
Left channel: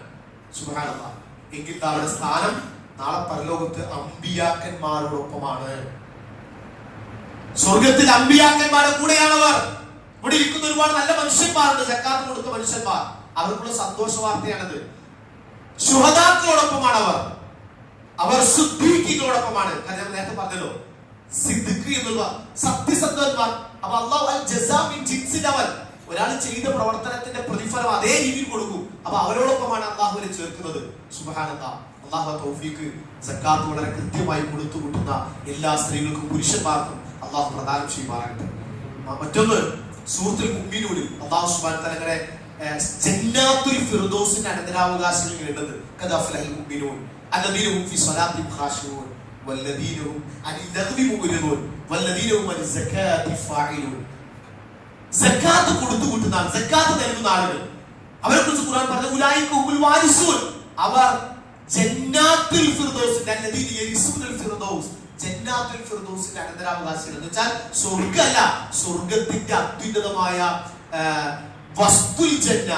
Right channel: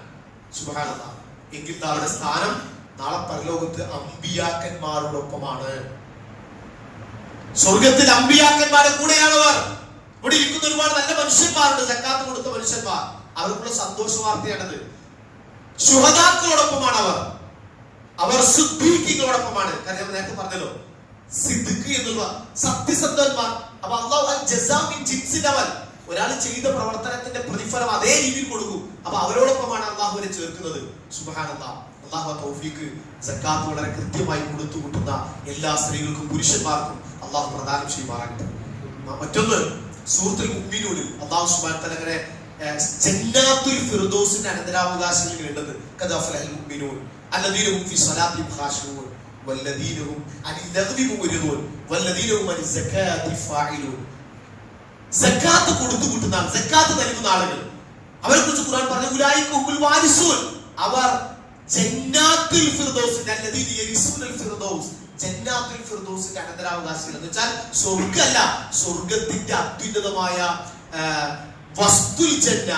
സുബ്ഹാനല്ലാഹ്. എങ്കിൽ അവരുടെ സ്ഥാനം നാളെ പരലോകത്ത് അമ്പിയാക്കന്മാരോടൊപ്പമാണ്. സ്വർഗത്തിൽ അമ്പിയാക്കന്മാരുടെ കൂടെയാണവർ. ഇവിടെ ഇരിക്കുന്ന ഒരുപാട് നല്ല മനുഷ്യന്മാരുണ്ട്, സക്കാത്ത് കൊടുത്ത മനുഷ്യന്മാർ. അവർക്കുള്ള സന്തോഷ വാർത്തയാണത്. ശുഹദാക്കളോടൊപ്പമാണ് അവർ സിദ്ദീഖീങ്ങളോടൊപ്പമാണ്. കാരണം ഞാൻ നേരത്തെ പറഞ്ഞല്ലോ, സിദ്ദിഖ് എന്നുള്ള സത്യസന്ധന്മാർ. അപ്പൊ അല്ലാഹു അൽ ജസാ മിൻ ജിൻസിൽ അമൽ, ഒരാൾ ചെയ്ത പ്രവർത്തനത്തിന്റെ പ്രതിഫലം അതേ രീതിയിൽ കൊടുക്കും. അപ്പൊ അവരോടൊപ്പമാണ് അള്ളാഹുവിനെ ചേർക്കുന്നത്. സുബ്ഹാനല്ലാഹ്. അള്ളാഹു തൗഫീഖ് സക്കാത്ത് വളരെ കൃത്യമായി കൊടുത്തു കൂട്ടുന്ന എല്ലാ സ്ത്രീകൾക്കും പുരുഷന്മാർക്കും അള്ളാഹു പ്രദാനം ചെയ്യുമാറാകട്ടെ. മറ്റൊന്ന്, സൂറത്തുൽ മുഅ്മിനൂനിൽ അള്ളാഹു സുബ്ഹാനഹു വ തആല ജന്നാത്തുൽ ഫിർദൗസിന്റെ അനന്തരാവകാശങ്ങൾ കേട്ടത്, ഖദഫലൽ മുഅ്മിനൂൻ അല്ലദീന ഹും ഫീ സ്വലാത്തിഹിം ഖാശിഊൻ വല്ലദീന ഹും അനിൽ ലഗ്വി മുഅ്രിദൂൻ വല്ലദീന ഹും അനിസ് സകാത്തി ഫാഇലൂൻ. സക്കാത്ത് കൊടുത്തു കൂട്ടുന്ന ആൾ, സക്കാത്ത് നൽകുന്ന ആളുകൾ, അവരെ കുറിച്ച് ഖുർആൻ പറഞ്ഞു, ഉലൈക ഹുമുൽ വാരിസൂൻ, അവർ ജന്നാത്തുൽ ഫിർദൗസിന്റെ അല്ലദീന യരിസൂനൽ ഫിർദൗസ്, ജന്നാത്തുൽ ഫിർദൗസിന്റെ അനന്തരാവകാശികൾ. എന്ന് വെച്ചാൽ സ്വർഗ്ഗമല്ല, സ്വർഗ്ഗത്തിന്റെ അത്യുന്നതമായ വസ്തുൽ ജന്ന,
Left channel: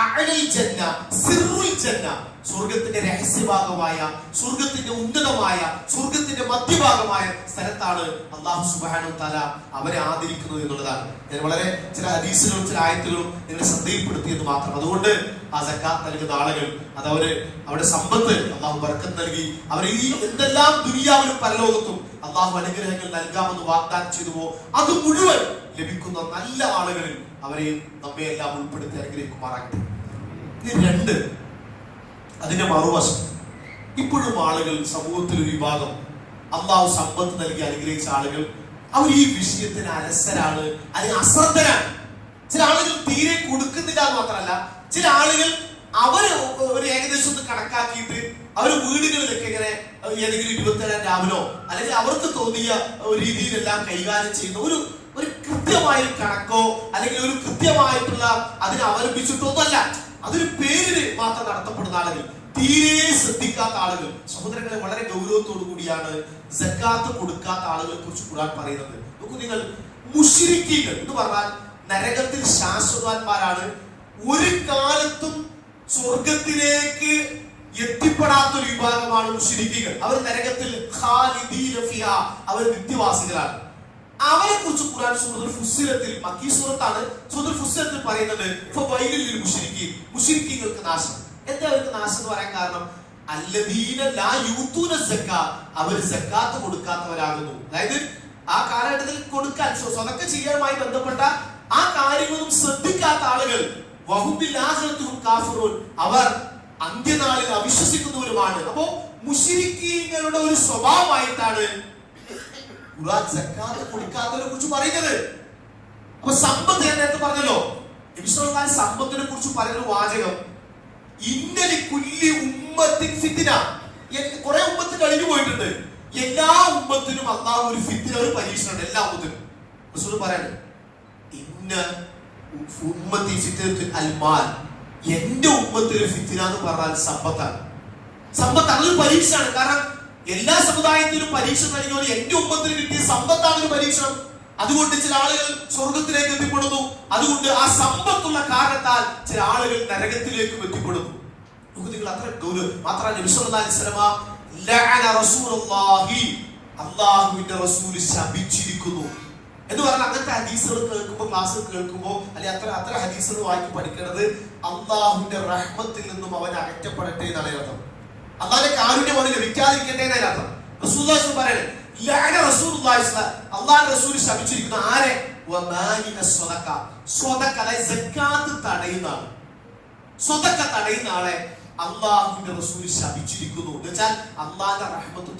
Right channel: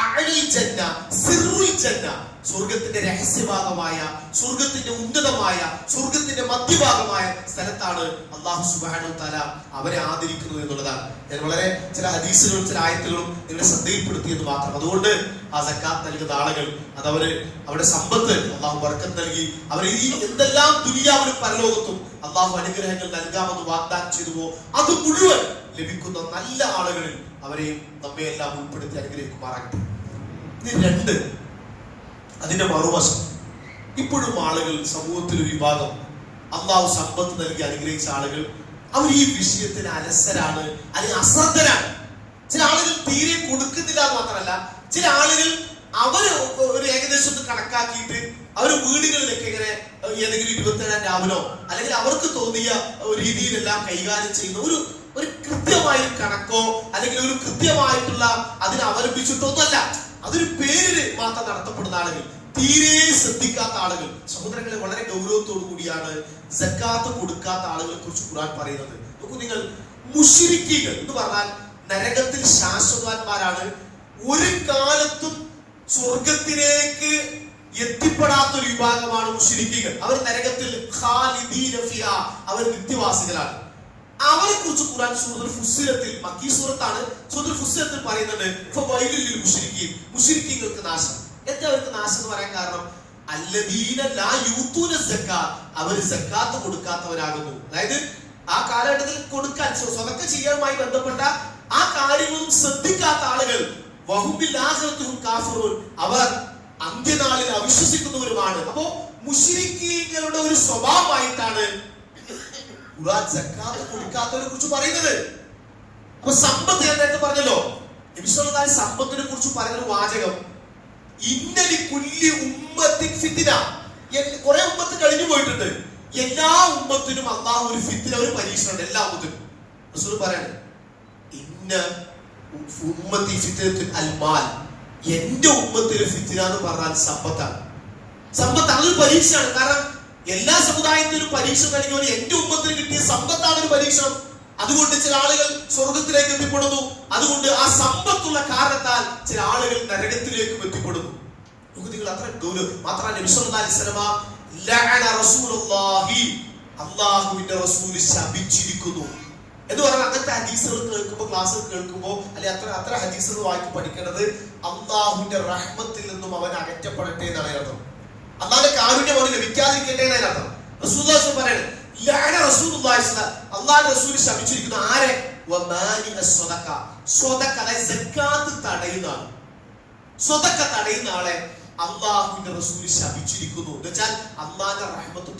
അഅ്ലൽ ജന്ന, സിർറുൽ ജന്ന, സ്വർഗത്തിന്റെ രഹസ്യഭാഗമായ, സ്വർഗത്തിന്റെ ഉന്നതമായ, സ്വർഗത്തിന്റെ മധ്യഭാഗമായ സ്ഥലത്താണ് അല്ലാഹു സുബ്ഹാനഹു വ തആല അവരെ ആദരിക്കുന്നത് എന്നുള്ളതാണ്. ഞാൻ വളരെ ചില ഹദീസുകളും ചില ആയത്തുകളും നിങ്ങളെ ശ്രദ്ധയിൽപ്പെടുത്തിയത് മാത്രം. അതുകൊണ്ട് ആ സക്കാത്ത് നൽകുന്ന ആളുകൾ അത് അവരുടെ സമ്പത്ത് അല്ലാഹു ബർക്കത്ത് നൽകി അവർ ഈ എന്തെല്ലാം ദുനിയാവിലും പരലോകത്തും അല്ലാഹു അനുഗ്രഹങ്ങൾ നൽകാമെന്ന് വാഗ്ദാനം ചെയ്തുവോ അത് മുഴുവൻ ലഭിക്കുന്ന നല്ല ആളുകളിൽ അവരെ നമ്മെ എല്ലാം ഉൾപ്പെടുത്തി അനുഗ്രഹിക്കുമാറാകട്ടെ. ഇനി 2, അതിന്റെ മറുവശം, ഇപ്പോഴും ആളുകൾ, സമൂഹത്തിൽ ഒരു വിഭാഗം അള്ളാഹു സമ്പത്ത് നൽകി അനുഗ്രഹിച്ച ആളുകൾ, അവർ ഈ വിഷയത്തിന് അലസരാണ്, അല്ലെങ്കിൽ അശ്രദ്ധരാണ്. ചില ആളുകൾ തീരെ കൊടുക്കുന്നില്ല എന്ന് മാത്രമല്ല, ചില ആളുകൾ അവര് ഒരു ഏകദേശം ഒന്ന് കണക്കാക്കിയിട്ട് അവർ വീടുകളിലൊക്കെ ഇങ്ങനെ ഏതെങ്കിലും 27 രാവിലോ അല്ലെങ്കിൽ അവർക്ക് തോന്നിയ രീതിയിലെല്ലാം കൈകാര്യം ചെയ്യുന്ന ഒരു കൃത്യമായ കണക്കോ അല്ലെങ്കിൽ ഒരു കൃത്യമായിട്ടുള്ള അതിനെ അവലംബിച്ചിട്ടൊന്നുമല്ല, അതൊരു പേരിന് മാത്രം നടത്തപ്പെടുന്ന ആളുകൾ, തീരെ ശ്രദ്ധിക്കാത്ത ആളുകൾ. സഹോദരങ്ങളെ, വളരെ ഗൗരവത്തോടു കൂടിയാണ് സക്കാത്ത് കൊടുക്കാത്ത ആളുകളെ കുറിച്ച് ഖുർആൻ പറയുന്നത്. നോക്കൂ നിങ്ങൾ, മുശ്രിക്കീകൾ എന്ന് പറഞ്ഞാൽ നരകത്തിൽ ശാശ്വതന്മാരാണ്. ഒരു കാലത്തും സ്വർഗത്തിലേക്ക് എത്തിപ്പെടാത്ത ഒരു വിഭാഗമാണ് മുശ്രിക്കീകൾ. അവർ നരകത്തിൽ ഖാലിദീന ഫിഹാ, അവർ നിത്യവാസികളാണ്. അവരെ കുറിച്ച് ഖുർആൻ സൂറത്തുൽ ഫുസ്സിലത്തിൽ, മക്കീ സൂറത്താണ്, സൂറത്തുൽ ഫുസ്സിലത്തിൽ പറയുന്നത് ഫവൈലുൽ ലിൽ മുശ്രിക്കീൻ, മുശ്രിക്കീങ്ങൾക്ക് നാശം. എന്താ അവർക്ക് നാശം എന്ന് പറയാൻ കാരണം? അല്ലദീന ലാ യൂതൂന സക്കാത്ത്, അവർ സക്കാത്ത് കൊടുക്കാത്തവരാകുന്നു. അതായത് ആ കാലഘട്ടത്തിൽ കൊടുക്കാൻ സ്വതക്ക ചെയ്യാനുമായി ബന്ധപ്പെട്ട ആ കാര്യങ്ങളും ശ്രദ്ധിക്കാത്ത ആളുകൾ. വഹും ബിൽ ആഖിറത്തി കാഫിറൂൻ, അവർ അന്ത്യനാളിൽ അവിശ്വസിക്കുന്നവരുമാണ്. അപ്പോ മുശ്രിക്കീങ്ങളുടെ ഒരു സ്വഭാവമായിട്ടാണ് ഖുർആൻ സക്കാത്ത് കൊടുക്കാത്തവരെ കുറിച്ച് പറയുന്നത്. അപ്പൊ സമ്പത്ത്, ഞാൻ നേരത്തെ പറഞ്ഞല്ലോ, നബി സല്ലല്ലാഹു അലൈഹി വസല്ലം സമ്പത്തിനെ കുറിച്ച് പറയുന്ന വാചകം, ഇന്നലി കുല്ലി ഉമ്മത്തിൻ ഫിത്ന. കുറെ ഉമ്മത്ത് കഴിഞ്ഞു പോയിട്ടുണ്ട്, എല്ലാ ഉമ്മത്തിനും അല്ലാഹു ഒരു ഫിത്ന, ഒരു പരീക്ഷണം എല്ലാ ഉമ്മത്തിനും. റസൂൽ പറയാണ്, ഇന്ന ഉമ്മത്തി ഫിത്നത്തുൽ അൽമാൽ, എന്റെ ഉമ്മത്തിൽ ഫിത്ന എന്ന് പറഞ്ഞാൽ സമ്പത്താണ്. സമ്പത്ത് അതൊരു പരീക്ഷയാണ്. കാരണം എല്ലാ സമുദായത്തിലും പരീക്ഷ കഴിഞ്ഞാൽ എന്റെ ഉമ്മത്തിന് കിട്ടിയ സമ്പത്താണ് ഒരു പരീക്ഷണം. അതുകൊണ്ട് ചില ആളുകൾ സ്വർഗത്തിലേക്ക് എത്തിപ്പെടുന്നു, അതുകൊണ്ട് ആ സമ്പത്തുള്ള കാരണത്താൽ ചില ആളുകൾ നരകത്തിലേക്കും എത്തിപ്പെടുന്നു. നിങ്ങൾ അത്ര ദൂരം മാത്രമല്ല, നബി സല്ലല്ലാഹു അലൈഹി വസല്ലം ലഅന റസൂലുള്ളാഹി, അല്ലാഹുവിന്റെ റസൂൽ ശപിച്ചിരിക്കുന്നു എന്ന് പറഞ്ഞാൽ അങ്ങനത്തെ ഹദീസുകൾ കേൾക്കുമ്പോൾ, ക്ലാസ് കേൾക്കുമ്പോൾ, അല്ലെങ്കിൽ അത്ര ഹദീസുകൾ വായിച്ച് പഠിക്കേണ്ടത് അല്ലാഹുവിന്റെ റഹ്മത്തിൽ നിന്നും അവൻ അകറ്റപ്പെടട്ടെ എന്നാണ് അർത്ഥം. അല്ലാഹുവിന്റെ കാരുണ്യം അവന് ലഭിക്കാതിരിക്കട്ടെ എന്നാണ് അർത്ഥം. റസൂലുള്ളാഹി പറയാണ്, ലഅന റസൂലുള്ളാഹി, അല്ലാഹുവിന്റെ റസൂൽ ശപിച്ചിരിക്കുന്നു. ആരെ? തടയുന്ന ആളെ അള്ളാഹുവിന്റെ റസൂൽ ശപിച്ചിരിക്കുന്നു എന്ന് വെച്ചാൽ അള്ളാഹിന്റെ റഹ്മത്ത്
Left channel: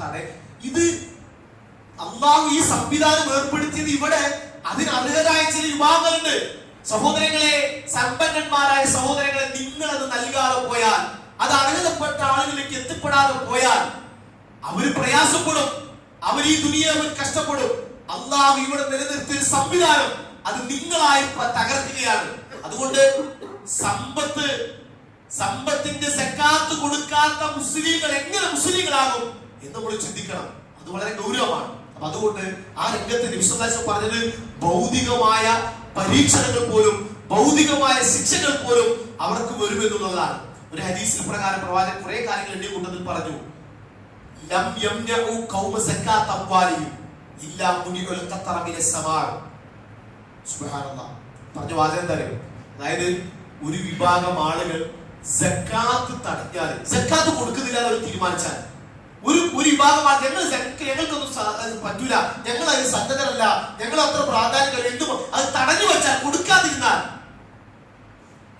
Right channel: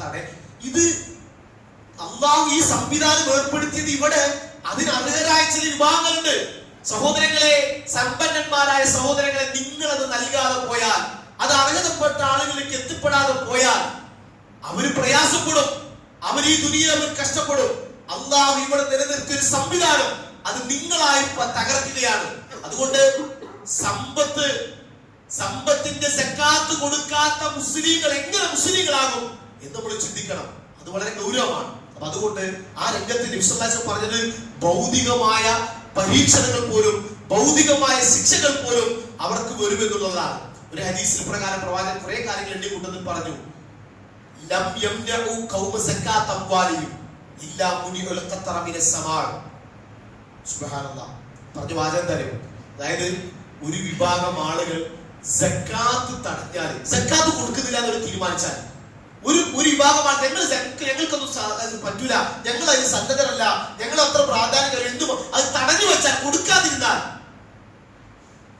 ഇത് അള്ളാഹു ഈ സംവിധാനം ഏർപ്പെടുത്തിയത് ഇവിടെ അതിനർഹരായ ചില വിഭാഗങ്ങളുണ്ട്. സഹോദരങ്ങളെ, സമ്പന്നന്മാരായ സഹോദരങ്ങളെ, നിങ്ങൾ അത് നൽകാതെ പോയാൽ, അത് അർഹതപ്പെട്ട ആളുകളിലേക്ക് എത്തിപ്പെടാതെ പോയാൽ അവര് പ്രയാസപ്പെടും, അവർ ഈ ദുനിയാവിൽ കഷ്ടപ്പെടും. അള്ളാഹു ഇവിടെ നിലനിർത്തിയ ഒരു സംവിധാനം അത് നിങ്ങളായി തകർക്കുകയാണ്. അതുകൊണ്ട് സമ്പത്തിന്റെ സക്കാത്ത് കൊടുക്കാത്ത മുസ്ലിങ്ങൾ എങ്ങനെ മുസ്ലിങ്ങളാകും എന്ന് നമ്മൾ ചിന്തിക്കണം. അത് വളരെ ഗൗരവമാണ്. അപ്പൊ അതുകൊണ്ട് ആ രംഗത്തിന്റെ വിശ്വാസം പറഞ്ഞത് ഭൗതികമായ പരീക്ഷണങ്ങൾ പോലും, ഭൗതികമായ ശിക്ഷകൾ പോലും അവർക്ക് വരുമെന്നുള്ളതാണ്. ഒരു ഹദീസിൽ പ്രകാരം പ്രവാചകൻ കുറെ കാര്യങ്ങൾ എണ്ണി കൂട്ടത്തിൽ പറഞ്ഞു. ലം യംനഉ ഖൗമ സക്കാത്ത് അംവാലിഹിം ഇല്ലാ മുനിഉൽ ഖത്തറ മിനസ് സമാ. സുബ്ഹാനല്ലാഹ്. പറഞ്ഞ വാചകം തരും. അതായത് ഒരു വിഭാഗം ആളുകൾ സക്കാത്ത് തടഞ്ഞാൽ, സക്കാത്ത് കൊടുക്കുന്നില്ല എന്ന് തീരുമാനിച്ചാൽ, ഒരു വിഭാഗം ഞങ്ങൾക്കൊന്നും പറ്റൂല, ഞങ്ങൾ അതിന് സന്നദ്ധരല്ല, ഞങ്ങൾ അത്ര പ്രാധാന്യം എന്തും അത് തടഞ്ഞു വെച്ചാൽ, കൊടുക്കാതിരുന്നാൽ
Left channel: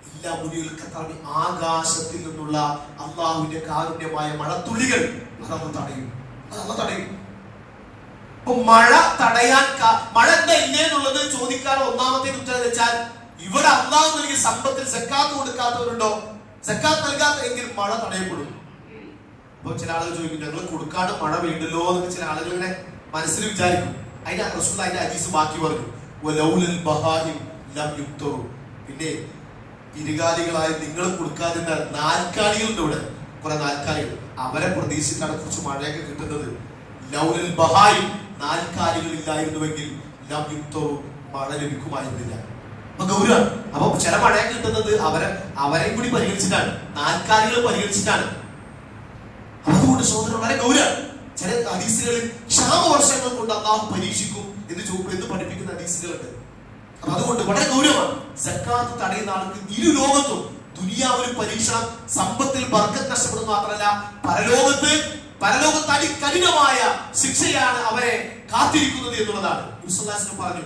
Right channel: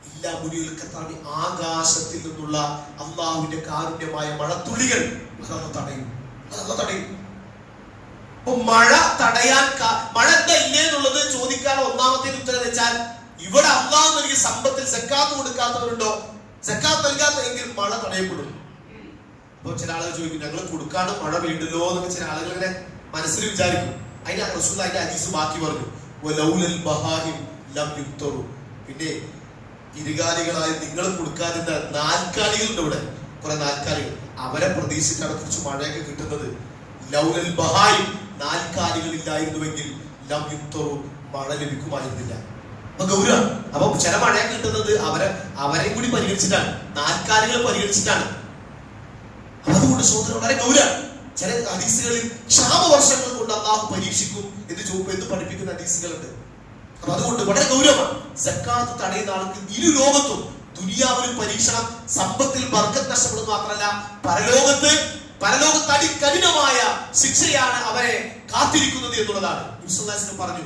ഇല്ലാ മുനിഉൽ ഖത്തറ, ആകാശത്തിൽ നിന്നുള്ള അള്ളാഹുവിന്റെ കാരുണ്യമായ മഴത്തുള്ളികൾ അതന്ന് തടയും. അപ്പൊ മഴ തടയാൻ മഴ എന്താ ഇല്ലേ എന്നുള്ളത് ചോദിക്കാൻ ഒന്നാമത്തെ ഉത്തരം വെച്ചാൽ, ഇവിടെ അള്ളാഹു നൽകിയ സമ്പത്തിൽ സക്കാത്ത് കൊടുക്കാത്തവരുണ്ടോ? സക്കാത്ത് നൽകാത്തവരെങ്കിൽ മഴ തടയപ്പെടും. അപ്പൊ ചില ആളുകൾ ചോദിക്കും, ഞങ്ങൾ കൊടുക്കാണ്ട് മഴ വീണ്ടല്ലോ എന്നൊക്കെ ചില ആളുകൾ ഇങ്ങനെ മനസ്സിൽ വിചാരിക്കും. അതിന്റെ റസൂൽ അതിന്റെ ഹദീസ് ബാക്കി പറഞ്ഞു, പിന്നെ ഇരുകാലികളായി നിങ്ങൾ കൊടുക്കാതിരുന്ന നാൽക്കാലികളുണ്ട്. ഇവിടെ കുറെ നാൽക്കാലികൾ, അവരെ പ്രതീക്ഷിച്ചാണ് കുറച്ച് മഴയൊക്കെ കിട്ടുന്നത്. ലൗലൽ ബഹായിം, നാൽക്കാലികൾ ഇല്ലായിരുന്നുവെങ്കിൽ ലം യുക്തറു, മഴ ലഭിക്കുമായിരുന്നില്ല. അപ്പൊ ഗൗരവം. അപ്പൊ ചില മഴയൊക്കെ കിട്ടുന്നത് അവരെയും കൂടി പരിഗണിച്ചിട്ടാണ്, നാൽക്കാലികൾ പരിഗണിച്ചിട്ടാണ്. അതുകൊണ്ട് സഹോദരൻ വളരെ ഗൗരവം. ചില ഹദീസുകളിൽ ക്ഷാമവർഷങ്ങൾ കൊണ്ട് അള്ളാഹു പരീക്ഷിക്കും എന്ന് പഠിപ്പിക്കുന്ന ഹദീസുകളുണ്ട്. അപ്പൊ അതുകൊണ്ട് വളരെ ഗൗരവമാണ്. സക്കാത്ത് തടയുന്ന ആൾക്ക് ഇരു ലോകത്തും ദുനിയാവിൽ പരീക്ഷണം, സമ്പത്തിൽ ബർക്കത്ത് നഷ്ടപ്പെടുന്നത് മാത്രമല്ല, പരലോകത്ത് അതികഠിനമായ ശിക്ഷയാണ് അവരെ കാത്തിരിക്കുന്നത് എന്നുള്ളതാണ്. യുസുഫ് പറഞ്ഞു,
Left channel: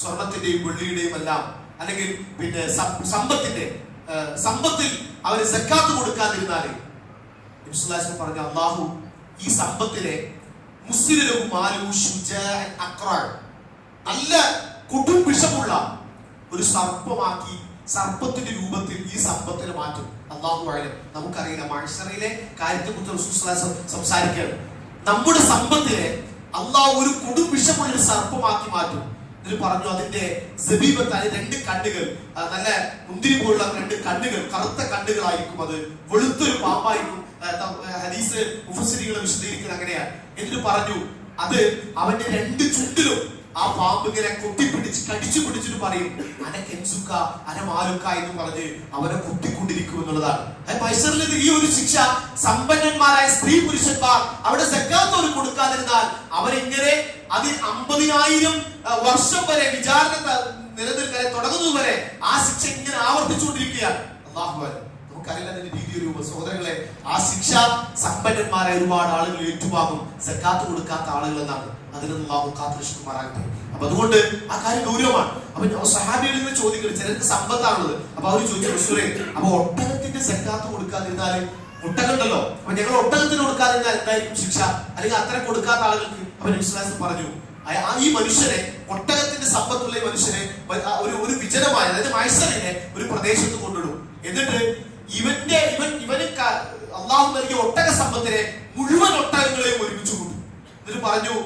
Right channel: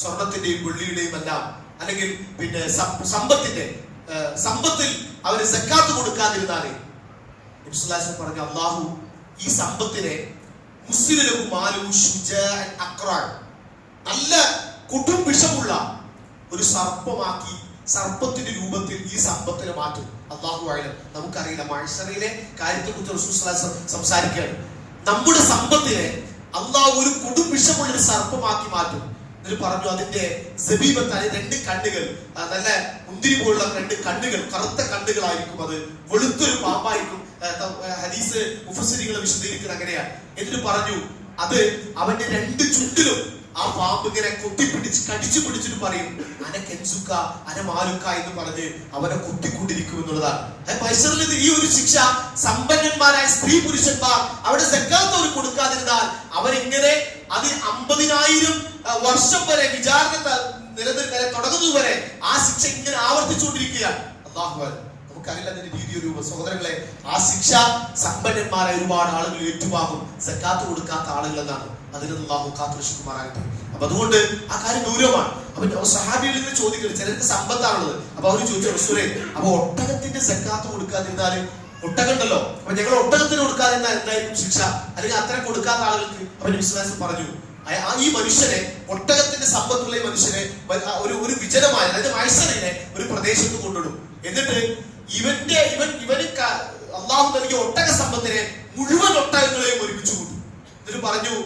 സ്വർണത്തിന്റെയും വെള്ളിയുടെയും എല്ലാം, അല്ലെങ്കിൽ പിന്നെ സമ്പത്തിൽ അവര് സക്കാത്ത് കൊടുക്കാതിരുന്നാല് പറഞ്ഞു, അള്ളാഹു ഈ സമ്പത്തിനെ നല്ല കൊടും വിഷമുള്ള ഒരു സർപ്പമാക്കി, സർപ്പത്തിന്റെ രൂപത്തിൽ ഈ സമ്പത്തിനെ മാറ്റും. അള്ളാഹു ആയാലും നമുക്കറിയില്ല, മഹ്ശറിലെ കാര്യത്തെ കുറിച്ച് സംസാരിക്കുകയാണ്. നമ്മുടെ സമ്പത്തിനെ അള്ളാഹു ഒരു കൊടും വിഷമുള്ള ഒരു സർപ്പമാക്കി മാറ്റും. എന്നിട്ട് പറഞ്ഞു, അതിന്റെ സബീബത്തായ രണ്ട് കണ്ണുകൾ, നല്ല മുന്തിരി പോലുള്ള രണ്ട് കണ്ണുകൾ, കറുത്ത കണ്ണുകളായിരിക്കും, അത് വെളുത്തൊരു പാമ്പായിരിക്കും. ഹദീസ് മുഫസ്സിരികൾ വിശദീകരിക്കുന്നത് അങ്ങനെയാണ്. എന്നിട്ട് പറഞ്ഞു, അത് അവന്റെ രണ്ട് ചുണ്ടിലും ആ പാമ്പ് ഇങ്ങനെ കൊത്തിപ്പിടിച്ച് കടിച്ചു പിടിച്ചിട്ട് പറയും, അനക്കെൻസുക്ക അനമാലുക്ക എന്ന് പറഞ്ഞ് അവനെ കൊത്തിക്കൊണ്ടിരിക്കും എന്നുള്ളതാണ്. ഈ ഒരു ശിക്ഷ സമ്പന്നന്മാരായ സ്ത്രീ പുരുഷന്മാർ അവിടെ സക്കാത്ത് കൊടുക്കാതിരുന്നാൽ അവരെങ്ങനെ അത് 50,000 വർഷം വരെ വിചാരണ നിലനിൽക്കാൻ തുടങ്ങുന്നത് വരെ ആ ശിക്ഷ ഇങ്ങനെ ആവർത്തിച്ചുകൊണ്ടിരിക്കുകയാണ്. അല്ലാഹു നമുക്കറിയില്ല അതിന്റെ രീതിയോ രൂപം. സഹോദരങ്ങളെ, ആ ശിക്ഷ സമ്പന്നന്മാരെ ഒരുപാട് ആളുകൾ ഏറ്റുവാങ്ങും, സക്കാത്ത് കൊടുക്കാത്ത ആളുകൾ എന്നാണ്. അതിൽ അല്ലാഹു കാത്തുരക്ഷിക്കുമാറാകട്ടെ. അപ്പൊ അതുകൊണ്ട് ആ കാര്യം ഗൗരവമാണ്. അപ്പൊ സഹാബികളിൽ നിന്ന് ചോദിക്കുന്നത്, ചിലർക്ക് സമ്പത്താണുള്ളത്. അപ്പൊ അവർ ചോദിച്ചു, റസൂലേ, അപ്പൊ ഒട്ടകത്തിന്റെ സക്കാത്ത് കൊടുക്കാതിരുന്നാല്, ഒട്ടകണ്ടല്ലോ, അപ്പൊ ഞങ്ങൾ ഒട്ടകത്തിന് കൊടുക്കാതിരുന്നാൽ എന്തായിരിക്കും ശിക്ഷ? അല്ലെങ്കിൽ അത്ര കൊടുക്കാത്ത ആളുകൾക്ക്? അവൻ വിശ്വാസം പറഞ്ഞു, ഈ മനുഷ്യനെ, ഒട്ടകത്തിന്റെ സമ്പത്തുള്ള ഈ മനുഷ്യനെ ഒരു വിജനമായ, അതായത് മൈസറിനെ ഒരു പ്രദേശത്ത് കൊണ്ടിടും. എന്നിട്ട് ഇവന് അള്ളാഹു നൽകിയ ഒട്ടക സമ്പത്തിനെ മുഴുവൻ ഒട്ടകങ്ങളെയും ഒരുമിച്ച് കൂട്ടും. എന്നിട്ട് പറഞ്ഞു,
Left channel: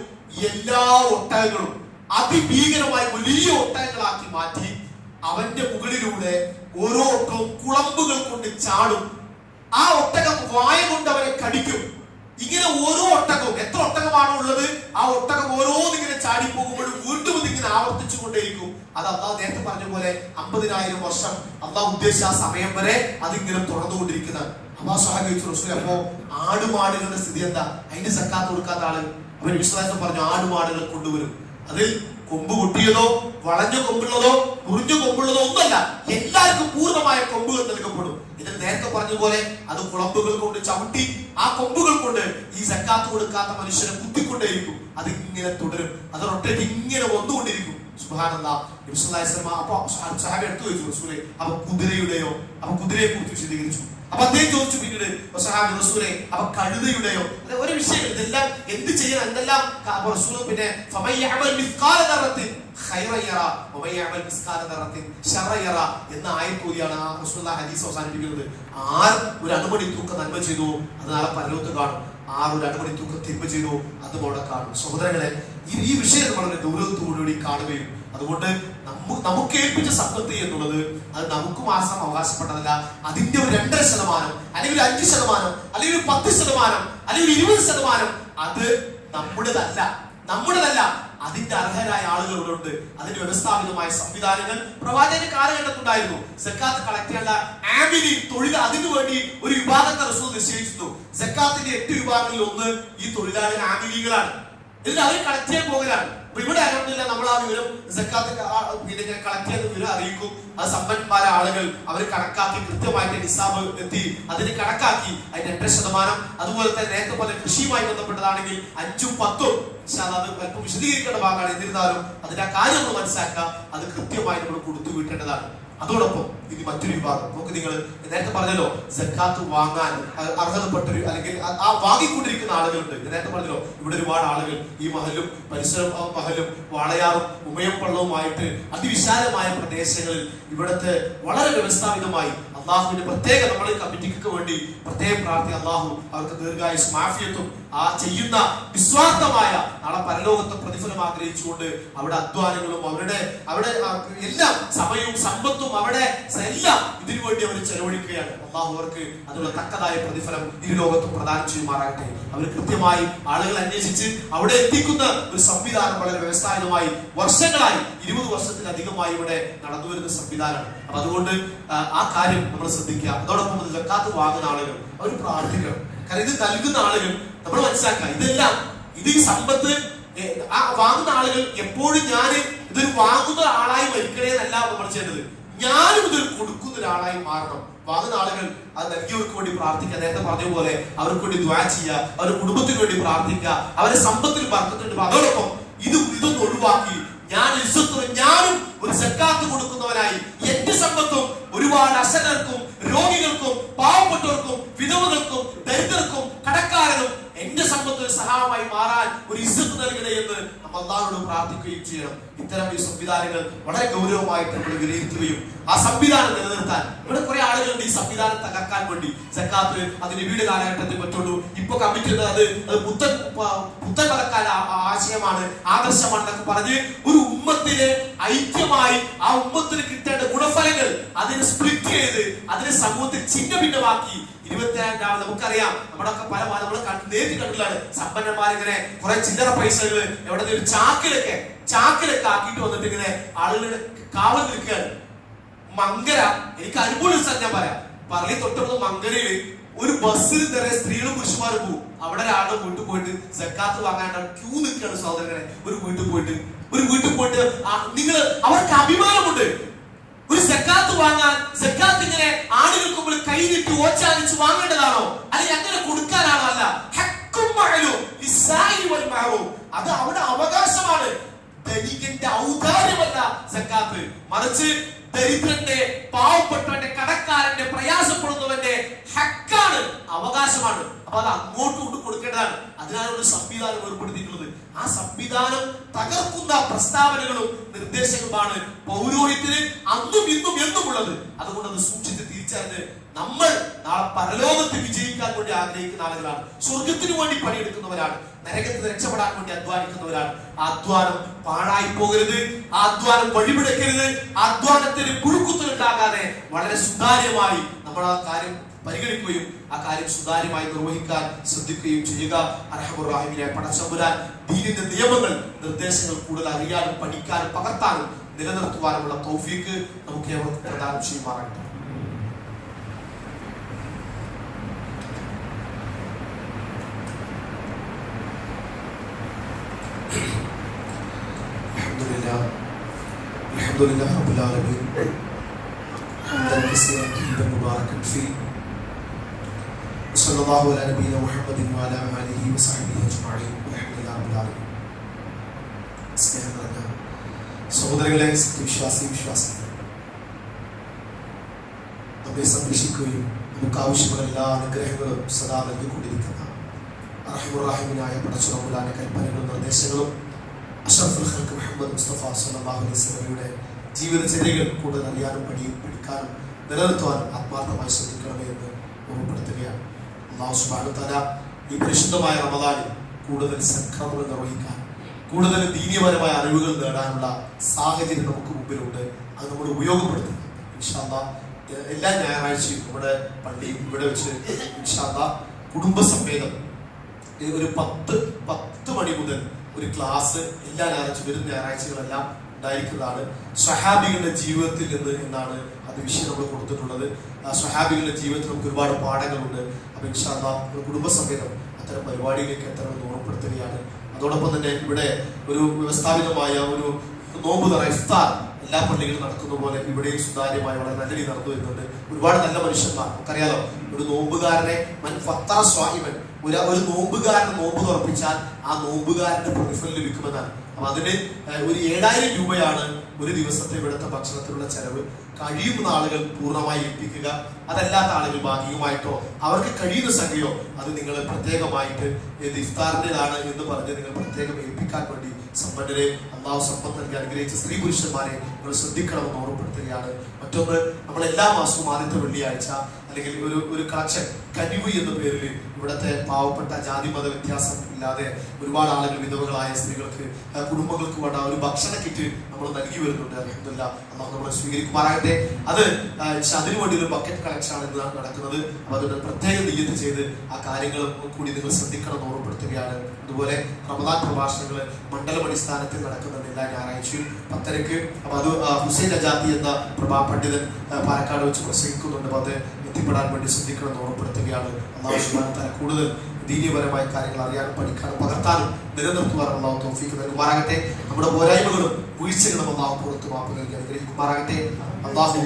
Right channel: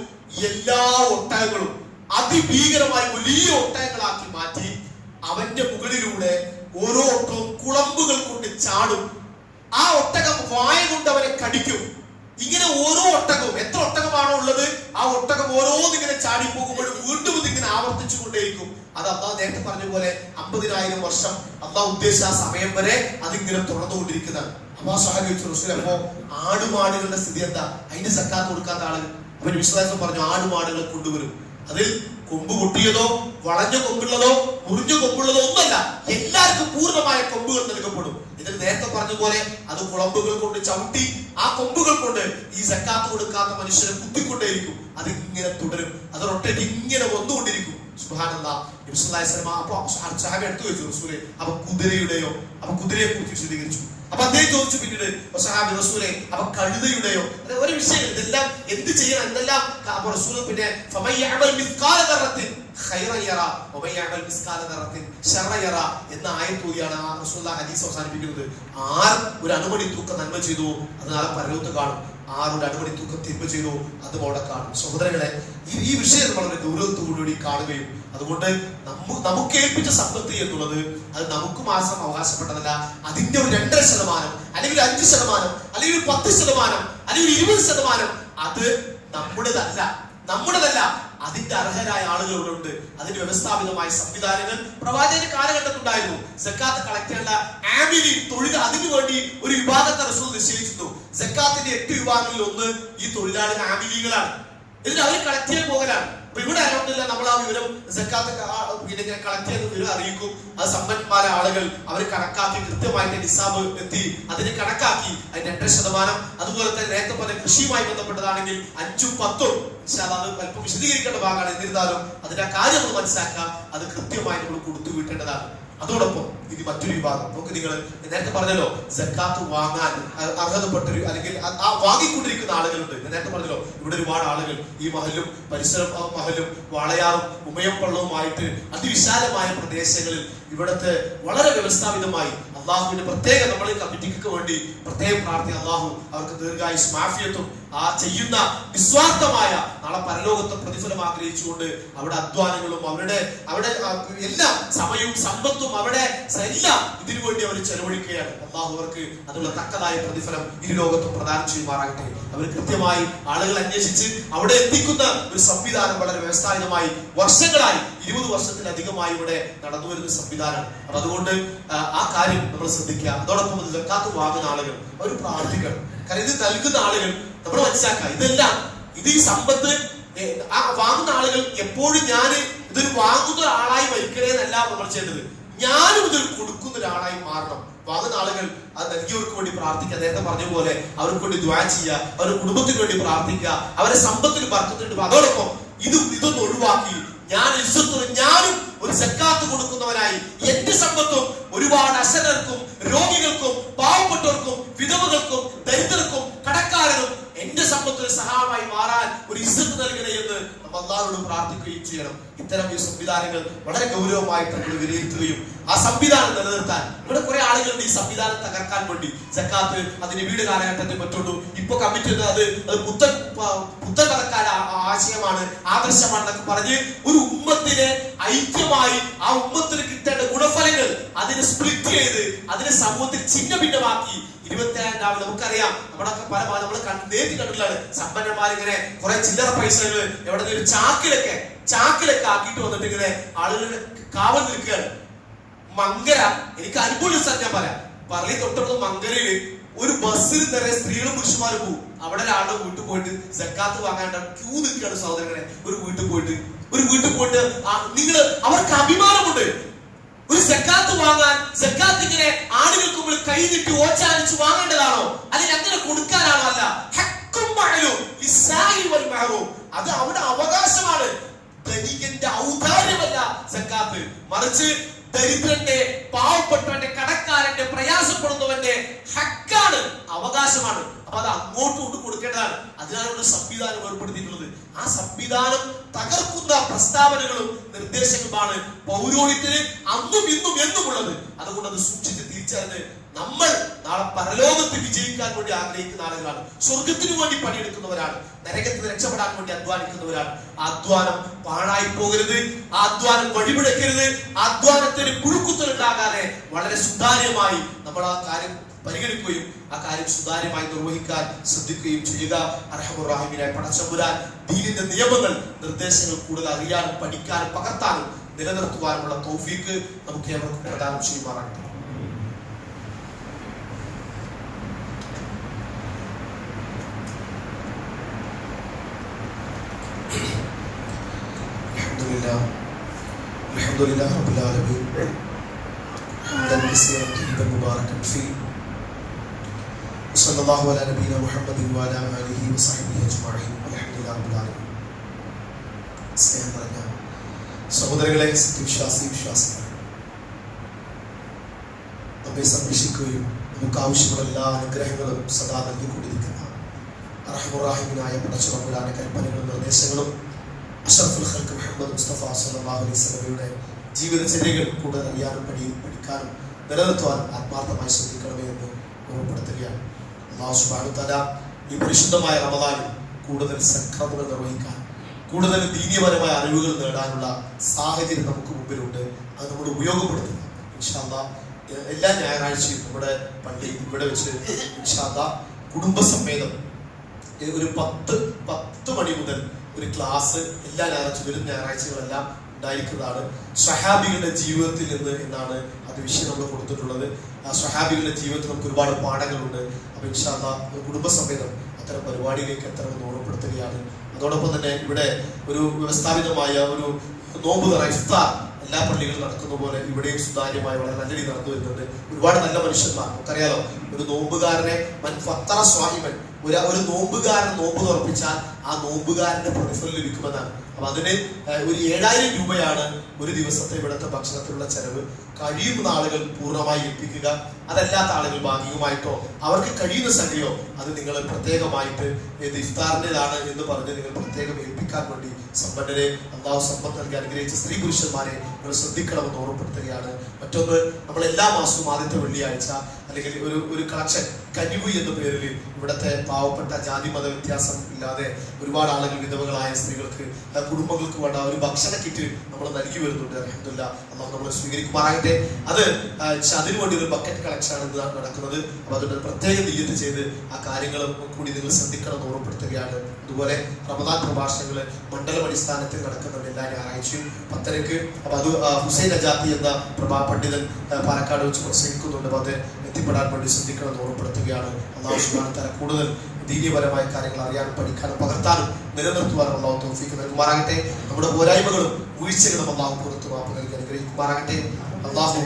എല്ലാ ഒട്ടകങ്ങളും അതിഭീകരമായ വലിയ ഒട്ടകങ്ങളാക്കി മാറ്റി അവന്റെ മുകളിലൂടെ ഓരോ ഒട്ടവും കുളമ്പുകൾ കൊണ്ട് ചാടും. ആ ഒട്ടകം വായ കൊണ്ട് അവരെ കടിക്കും. ഇങ്ങനെ ഓരോ ഒട്ടകവും, എത്ര ഒട്ടകമാണോ ഉള്ളത്, ആ ഒട്ടകം ഓരോന്നിങ്ങനെ ചാടിപ്പോകുമ്പോഴും വീണ്ടും ഇതിങ്ങനെ ആവർത്തിച്ചു കൊണ്ടേയിരിക്കും. അത് അള്ളാഹ് നേരത്തെ പറഞ്ഞ പോലെ 50,000 വർഷം അള്ളാഹ് ഉദ്ദേശിച്ച ആ സമയം വരെ അതിങ്ങനെ തുറന്നുകൊണ്ടിരിക്കുന്നതാണ്. അപ്പൊ അപ്പോ ആടുമാടുകളുടെ സ്ഥിതി എന്താ? അതിന്റെ സക്കാത്ത് കൊടുക്കാത്ത ആള് അവൻ വിശ്വാസം പറഞ്ഞു, ആടുമാടുകളെ കൊണ്ടുവരും. അതിൽ കൊമ്പ് പൊട്ടിയതോ വളഞ്ഞ കൊമ്പുള്ളതോ മുറിഞ്ഞ കൊമ്പുള്ളതോ ഒന്നല്ല, എല്ലാവർക്കും പൂർണ്ണമായ കൊമ്പുകൾ നൽകപ്പെടും. ഇതിൽ നേരത്തെ പറഞ്ഞ പോലെ അത് കുളമ്പുകൾ കൊണ്ട് ചവിട്ടി ആ കൊമ്പുകൾ കൊണ്ട് ഈ സക്കാത്ത് കൊടുക്കാത്ത മനുഷ്യരെ കുത്തിക്കൊണ്ടേയിരിക്കും. അതിങ്ങനെ തുടരും, അതൊരൊറ്റ ഇങ്ങനെ വന്നുകൊണ്ടിരിക്കും. സുബ്ഹാനല്ലാഹ്. നബി സല്ലല്ലാഹു അലൈഹി വസല്ലം അപ്പൊ സഹാബി എടുത്തു വെച്ചു റസൂലേ, അപ്പൊ കുതിരയുടെയോ? അപ്പൊ കുതിരയെ കുറിച്ച് വിശദീകരിച്ചു. അപ്പൊ അദ്ദേഹം ചോദിച്ചു പിന്നീട് സഹാബി റസൂലേ, അപ്പൊ കഴുതയുടെയോ? ഒരു വിഷയം, ഇതെല്ലാം എന്ത് ചെയ്യണം എന്തെല്ലാം റസൂൽ പിന്നെ എന്ന ആയത്തൂരിയാണ് ആ റസൂലുള്ളാഹി ഹദീസ് അവസാനിപ്പിക്കുന്നത്. ആര് ഒരു അണുമണി തൂക്കം നന്മ ചെയ്തു അത് നാളെ പരലോകത്ത് കാണും, ആറ് ഒരു അണുമണി തൂക്കം തിന്മ ചെയ്തു അതും അവിടെ കാണും. സഹോദരങ്ങളെ, ഈ വിഷയം വളരെ ഗൗരവത്തോടുകൂടി കാണുകയും അതുകൊണ്ട് നമുക്ക് ഏൽപ്പിച്ച സമ്പത്ത് എന്നുള്ളത് അത് നമുക്ക് മാത്രം അവകാശപ്പെട്ടതല്ല. അതിന്റെ ഒരു 2.5% അല്ലെങ്കിൽ 5% അല്ലെങ്കിൽ 10% അല്ലെങ്കിൽ 20% അത് നമ്മുടേതല്ല. അതിന്റെ അർഹരായ ആളുകളുണ്ട്. അതിന് വ്യവസ്ഥാപിതമായ സംവിധാനങ്ങൾ പ്രവാചക കാലഘട്ടത്തിലുണ്ടായിരുന്നു. സക്കാത്ത് കളക്ട് ചെയ്യേണ്ട ആമിലി തൊഴിൽ, അതിനു വേണ്ടി ഒരു വിഭാഗത്തെ റസൂൽ നിശ്ചയിച്ചിരുന്നു. സക്കാത്തിന്റെ 8 വിഭാഗങ്ങളിൽ ഒന്ന് ഈ തൊഴിലാളികൾ ആമിലികളാണ്. എന്നിട്ട് അവർ കളക്ട് ചെയ്യാൻ പോകലാണ്. അപ്പൊ ഇവിടെ ആരോടില്ല, നമ്മൾ ആ വിവരം സക്കാത്ത് കളക്ട് ചെയ്ത വിവരം അറിയിക്കും. അത് സമ്പന്നന്മാരായ ആളുകൾ അവർ കണക്കാക്കി കൃത്യമായിട്ട് നിസാബ് എത്തി അതിന് കണക്കാക്കി അതിന്റെ 8%. അതുപോലെ തന്നെ നേരത്തെ പോലെ കൃഷിയുമായി ബന്ധപ്പെട്ടതാണെങ്കിൽ 5ഉം 10ഉം അത് അല്പം വിശദീകരിക്കേണ്ട ഭാഗമാണ്. എന്നിരുന്നാലും അതിന്റെ കാര്യം നമ്മൾ മനസ്സിലാക്കുക, അത് കൃത്യമായി നമ്മൾ കൊടുത്തു വിട്ടേണ്ടതാണ്. അതോടൊപ്പം ഇത് മറ്റൊരു വിഭാഗം നമുക്ക്, നിങ്ങൾ നേരത്തെ പറഞ്ഞല്ലോ സക്കാത്ത് വാങ്ങാൻ അർഹതപ്പെട്ടൊരു അല്ലെങ്കിൽ ആ വാങ്ങിക്കൊണ്ടിരിക്കുന്ന ആളുകളുണ്ട്. നേരത്തെ പറഞ്ഞല്ലോ ഇവിടെ ഒരുപാട് ആളുകൾ ഈ മഹലും പരിസര മഹലും വാളയാറും ഉമയപ്പള്ളവുമായിട്ട് അതിവിശാലമായ പ്രദേശങ്ങളിൽ ഇവിടത്തെ വളരെ വ്യവസ്ഥാപിതമായി അള്ളാഹുവിന്റെ പ്രത്യേക നമ്മളെ കമ്മിറ്റിക്ക് വേണ്ടി പ്രത്യേകം പ്രാർത്ഥി അള്ളാഹു അവർക്ക് ദീർഘായുസ് മാഫിയത്തും ആ ചെയ്യുന്ന നിസ്വാർത്ഥമായ നാളെ പരലോകത്തെ പ്രതിഫലം ആഗ്രഹിച്ചുകൊണ്ട് അവിടെ അധ്വാനങ്ങളും അവിടെ എല്ലാം സമയവും സമ്പത്തും അവിടെ എല്ലാം ഇതിനു വേണ്ടി അവർ ചെലവഴിക്കുകയാണ്. അള്ളാഹു അവർക്ക് അതിനുള്ള തക്കതായ പ്രതിഫലം ഈ ലോകത്ത് പ്രദാനം ചെയ്യുമാറാകട്ടെ. അവർ കൃത്യമായി ആളുകൾ അന്വേഷിച്ച് അവിടെ എത്തിക്കുന്ന ഒരു സംവിധാനം വളരെ വ്യവസ്ഥാപിതമായി വർഷങ്ങളായി 20 വർഷത്തിലധികമായി ഇവിടെ നടന്നു വരുന്ന സംവിധാനമാണ്. അപ്പൊ അതുകൊണ്ട് ആ കാര്യം നമ്മൾ ശ്രദ്ധിക്കുക. അതോടൊപ്പം സക്കാത്ത് വാങ്ങുന്ന ആളുകൾ അവർ പ്രാർത്ഥിക്കണം. കാരണം ഇത് നൽകുന്ന ആളുകൾ നമ്മൾ മനസ്സിലാക്കുക, ഇതെല്ലാം ഈ സമ്പത്ത് വാങ്ങുന്ന ആളുകൾ എപ്പോഴും ഞാൻ ഇതൊരു വാങ്ങുന്ന ആളായി മരിക്കണേന്നല്ല നമ്മൾ ചെയ്യേണ്ടത്, ഞാനും ഇതൊരു കൊടുക്കുന്ന ഒരാളായി മാറണം. വാങ്ങുന്ന ആളുകൾ അത് നൽകിയവർക്ക് വേണ്ടി പ്രാർത്ഥിക്കുക. നേരത്തെ പറഞ്ഞ പോലെ അവർക്ക് വേണ്ടി ദുആ ചെയ്യുക, അവരുടെ കുടുംബത്തിന് വേണ്ടി പ്രാർത്ഥിക്കുക, അവരുടെ സമ്പത്തിന് ബർക്കത്തുണ്ട്. അതോടൊപ്പം ഇതൊന്നും ഒഴിവാക്കി ഞാനും ഒരു സക്കാത്ത് കൊടുക്കുന്നവനായി എന്റെ സമ്പത്തും ഒരുപാട് അശരണർക്കും രോഗികൾക്കും പാവപ്പെട്ടവർക്കും വിധവകൾക്കും ദരിദ്രർക്കും കടക്കാരനും എന്റെ സമ്പത്തിന് സഹായമായി മാറാൻ ഒരു ഇസ്സത്ത് നൽകണേ എന്ന് നമ്മൾ അല്ലാഹുവോട് പ്രാർത്ഥിക്കുകയും ചെയ്യണം. ഇത്തരം ഈ സംവിധാനങ്ങൾ വളരെ ഗൗരവമായിട്ട് നമ്മൾ വിലയിരുത്തുകയും ആ സംവിധാനം നിലനിർത്താൻ, ഇവിടെ കുറെ ആളുകളുണ്ട് ഈ സംവിധാനം തകർക്കാൻ വേണ്ടി. സക്കാത്ത് അതിന് വീട് കാലഘട്ടത്തിൽ പറ്റുള്ളൂ, ഇപ്പൊ കമ്മിറ്റി അത് പുത്തൻ കറക്കാൻ ആശയമാണ്, ആദർശമാണെന്നൊക്കെ പറഞ്ഞ് ഒരു ഉമ്മത്തിനെ ഐക്യമായി ആ ഉമ്മത്തിന് കിട്ടേണ്ട ഗുണഫലങ്ങൾ അതിനെ സ്പ്ലിറ്റ് ചെയ്ത് അതിനെ സമൂഹത്തിൽ ഛിന്ന ഭിന്നമാക്കി 22 നമുക്കറിയാം, നമ്മളൊക്കെ പല നമ്മൾ നേരിട്ട് കണ്ടില്ലാണ് സമ്പന്നന്മാരിങ്ങനെ കുറെ ചില്ലറ പൈസകൾ എവിടെ ഒരു ചാക്കിലൊക്കെ ആക്കിയിട്ട് വന്നിട്ട് ഇങ്ങനെ ആളുകളുടെ കാവൽ നിൽക്കുകയാണ്. മങ്കര, എനിക്ക് അനുകൂല സ്ഥലം ഞാൻ പറളി തൊട്ടടുത്ത് മങ്കരയില് ഒരു ബസ്സിൽ നിറയെ സ്ത്രീകളും പുരുഷന്മാരും പോകും. അവിടെ ഒരാളുടെ വീട്ടിൽ പോയിട്ട് സക്കാത്ത് വാങ്ങാണ്ട് ക്യൂ നിൽക്കുകയാണ് സഹോദരങ്ങളെ. ഒരു വീട്ടിൽ പോയിട്ട് നിങ്ങൾ അവർക്ക് അഭിമാനമുണ്ട്. ഒരു സക്കാത്ത് വാങ്ങാൻ, സക്കാത്ത് ഇങ്ങനെ ആളുകൾക്ക് മുമ്പിൽ കൈ നീട്ടി ഓച്ചാനിച്ച് വാങ്ങേണ്ടതാണോ അല്ലെങ്കിൽ അങ്ങനെ കൊടുക്കാനാണോ? അല്ല, അത് അവിടെ അവകാശമാണ്. ധനികന്റെ ഔദാര്യമല്ല സക്കാത്ത്, മറിച്ച് ദരിദ്രന്റെ, പാവപ്പെട്ടവന്റെ, കടക്കാരന്റെ, പ്രയാസപ്പെടുന്നവന്റെ ഹക്കാണ്, അവകാശമാണ്. അപ്പൊ അത് അങ്ങോട്ട് കൊടുക്കേണ്ടതാണ്. അതിനാണ് സംവിധാനം ഏർപ്പെടുത്തിയിട്ടുള്ളത്. ആ സംവിധാനം തകർക്കുന്ന പ്രസ്താവനകളും നിർദ്ദേശങ്ങളുമാണ് പൗരോഹിത്യത്തിന് അന്നും ഇന്നും എന്നും ഉള്ളത്. അതുകൊണ്ട് അത് സൂക്ഷിച്ച് തിരിച്ചറിഞ്ഞ് നമ്മൾ നാളെ പരലോകത്ത് വിജയിക്കാൻ വേണ്ടി ആഗ്രഹിക്കുന്ന ആളുകളാണ്, സ്വർഗത്തിന് വേണ്ടി പണിയെടുക്കുന്നവരാണ്, നരകത്തിൽ രക്ഷപ്പെടാൻ വേണ്ടി അധ്വാനിക്കുന്നവരാണ്. അധ്വാനം പാഴായി പോകരുത്, അധ്വാനം വഴിമുടക്കരുത്, അധ്വാനത്തിന് പുഴുക്കുത്തലുണ്ടാകാതെ വളരെ സുതാര്യമായി നമ്മൾ ആ കാര്യം പരിഗണിക്കുകയും ആ കാര്യം സുതാര്യമായി നിർവഹിക്കാൻ ശ്രദ്ധിക്കുകയും ചെയ്യുക. അർഹമർ റഹീമായ പടച്ചമ്പുരാൻ ദീനിന്റെ നിയമങ്ങൾ, നിർദ്ദേശങ്ങൾ കൂടുതൽ അറിയാനും പഠിക്കാനും പകർത്താനും നിലനിർത്തുവാനുമുള്ള തൗഫീക്ക് നമുക്ക് ഏവർക്കും പ്രദാനം ചെയ്യുമാറാകട്ടെ. അൽഹംദുലില്ലാഹി റബ്ബിൽ ആലമീൻ ഹംദൻ കസീറൻ തയ്യിബൻ മുബാറകൻ ഫീഹി സല്ലല്ലാഹു അലാ നബിയിന മുഹമ്മദിൻ വഅലാ ആലിഹി വസഹ്ബിഹി അജ്മഈൻ. അൽഹംദുലില്ലാഹി റബ്ബിൽ ആലമീൻ. സ്നേഹം നിറഞ്ഞ സഹോദരങ്ങളെ, വിശ്വാസി നമ്മെ സംരക്ഷിക്കുകയും നമുക്ക് ആവശ്യമുള്ള എല്ലാ അനുഗ്രഹങ്ങളും സദാ നൽകിക്കൊണ്ടിരിക്കുന്ന റഹ്മുറാഹിമിനായ പടച്ചുറപ്പുലാന്റെ കൽപ്പനകളും നിർദ്ദേശങ്ങളും അഷ്റഫുൽ ഖൽഖ് മുഹമ്മദ് മുസ്തഫ സ്വല്ലല്ലാഹു അലൈഹി വസല്ലമയുടെ ജീവിതചര്യകൾ കൂടുതൽ അറിയാനും പഠിക്കാനും നിലനിർത്തുവാൻ ആത്മാർത്ഥമായി ശ്രദ്ധിക്കണമേ എന്ന് ഓർമ്മപ്പെടുത്തുകയാണ്. അല്ലാഹു സുബ്ഹാനഹു വ തആല ഈ പരിശുദ്ധമായ റമദാനിൽ കൂടുതൽ സൽക്കർമ്മങ്ങൾ നിർവഹിക്കാൻ, കൂടുതൽ ദീനീയപരമായ അറിവുകൾ നേടാനുള്ള സാഹചര്യം നമുക്ക് മുമ്പിലുണ്ട്. അത് നമ്മൾ ഉപയോഗപ്പെടുത്തുക. ഇൻഷാ അല്ലാഹ് എല്ലാ ഞായറാഴ്ചയും നമ്മുടെ പള്ളിയിൽ ഇവിടെ വെച്ച് ഇൻഷാ അല്ലാഹ് കുടുംബസമേതം ഒരു 10 മണി മുതൽ ഒരു ക്ലാസ് എല്ലാ ഞായറാഴ്ചകളെല്ലാം ഉണ്ടായിരിക്കുന്നതാണ്. സ്വഹാബികളുടെ ജീവിതത്തിൽ നിന്ന് എന്നാണ് അത് വിഷയം നമ്മൾ കൊടുത്തിട്ടുള്ളത്. ആ സ്വഹാബികളുടെ ജീവിതത്തിൽ നമുക്ക് ഒരുപാട് പാഠങ്ങളുണ്ട്. അപ്പൊ ഇൻഷാ അല്ലാഹ് കുടുംബസമേതം അത്തരം പരിപാടിയിലേക്ക് എത്തണമെന്ന് ഓർമ്മപ്പെടുത്തുകയാണ്. അതോടൊപ്പം തന്നെ ഇവിടെ ഒരു വ്യവസ്ഥാപിതമായ ഒരു നോമ്പ് തുറ ഇഫ്താർ എല്ലാ പള്ളികളും നടക്കുന്ന പോലെ ഇവിടെയും സുതാര്യമായി വളരെ നല്ല രീതി നടന്നു വരുന്നുണ്ട്. ഒരുപാട് നല്ല മനുഷ്യന്മാർ, നമുക്കറിയാലോ, ഒരു നോമ്പുകാരനെ ഒരു നോമ്പുകാരനെ നോമ്പ് തുറപ്പിച്ചാൽ ആ നോമ്പുകാരന്റെ പ്രതിഫലം ലഭിക്കുമെന്നാണ്. അപ്പൊ അതിന് ഒരു 7000 രൂപയാണ് ഒരു ദിവസത്തെ ഇവിടുത്തെ ഭക്ഷണത്തിലുള്ള ചെലവ്. കഴിയുന്ന ആളുകൾ പൂർണ്ണമായി ഏൽപ്പിക്കുക, അതല്ലാത്ത ആളുകൾ ഭാഗികമായിട്ടോ അവർക്ക് കഴിയുന്ന സംഖ്യയോ അത് നിങ്ങൾ പ്രത്യേകമായിട്ട് ഇഫ്താറിൻ്റെതാണ് എന്ന് പറഞ്ഞ് നിങ്ങൾ പ്രത്യേകം ഏൽപ്പിക്കാൻ വേണ്ടി സമ്പന്നരെ, അള്ളാഹു സമ്പത്ത് നൽകി അനുഗ്രഹിച്ച സ്ത്രീ പുരുഷന്മാരെ നിങ്ങൾ ശ്രദ്ധിക്കണമെന്ന് ഓർമ്മപ്പെടുത്തുകയാണ്. മറ്റൊന്ന്, നമ്മൾ എല്ലാ മാസവും ആദ്യത്തെ വെള്ളിയാഴ്ച അല്ലെങ്കിൽ ഒരു കളക്ഷൻ കനിവ് എന്ന പേരിൽ ഇവിടുത്തെ പാവപ്പെട്ട ജാതി മത വ്യത്യാസം ഇല്ലാതെ ഒരുപാട് ആളുകൾ, വിധവകളായ സ്ത്രീകൾക്ക്, കുടുംബങ്ങൾക്ക് വേണ്ട ഒരു ഭക്ഷണ കിറ്റ് നമ്മൾ നൽകി വരുന്നുണ്ട്. അൽഹംദുലില്ലാഹ്, അല്ലാഹു നമ്മളെ സ്വീകരിക്കുമാറാകട്ടെ. അത് അതിനുവേണ്ടി ഒരു ബക്കറ്റ് കളക്ഷൻ ആണ് ഇന്ന് നടക്കുന്നത്. അപ്പൊ അതിന്റെ പ്രത്യേക നിയ്യത്ത് ചെയ്ത് ആ കാര്യങ്ങളും കൂടി നിങ്ങൾ ശ്രദ്ധിക്കണം ഓർമ്മപ്പെടുത്തുകയാണ്. അതുപോലെ റമദാൻ പ്രഭാഷണങ്ങൾ മണ്ഡലം അടിസ്ഥാനത്തിൽ നടക്കുന്നുണ്ട് എല്ലാ ഞായറാഴ്ചയും 10:00. അപ്പൊ അത് ഹുസൈൻ അജാത്തി എന്ന പണ്ഡിതൻ പാലക്കാട് വെച്ച് പ്രസംഗിക്കുന്നുണ്ട്. അപ്പൊ അത് എത്തിപ്പെടാൻ വേണ്ടി ശ്രദ്ധിക്കണം ഓർമ്മപ്പെടുത്തുകയാണ്. അല്ലാഹു സുബ്ഹാനഹു വ തആല കൂടുതൽ ദീനീയപരമായ കാര്യങ്ങൾ അറിയാനും പഠിക്കാനും പകർത്താനും നിലനിർത്തുവാനും അല്ലാഹു തൗഫീഖ് നൽകുമാറാകട്ടെ. നമ്മുടെ പോരായ്മകളും വീഴ്ചകളും അല്ലാഹു പുറത്തു മാപ്പ് നൽകി അനുഗ്രഹിക്കുമാറാകട്ടെ. അല്ലാഹു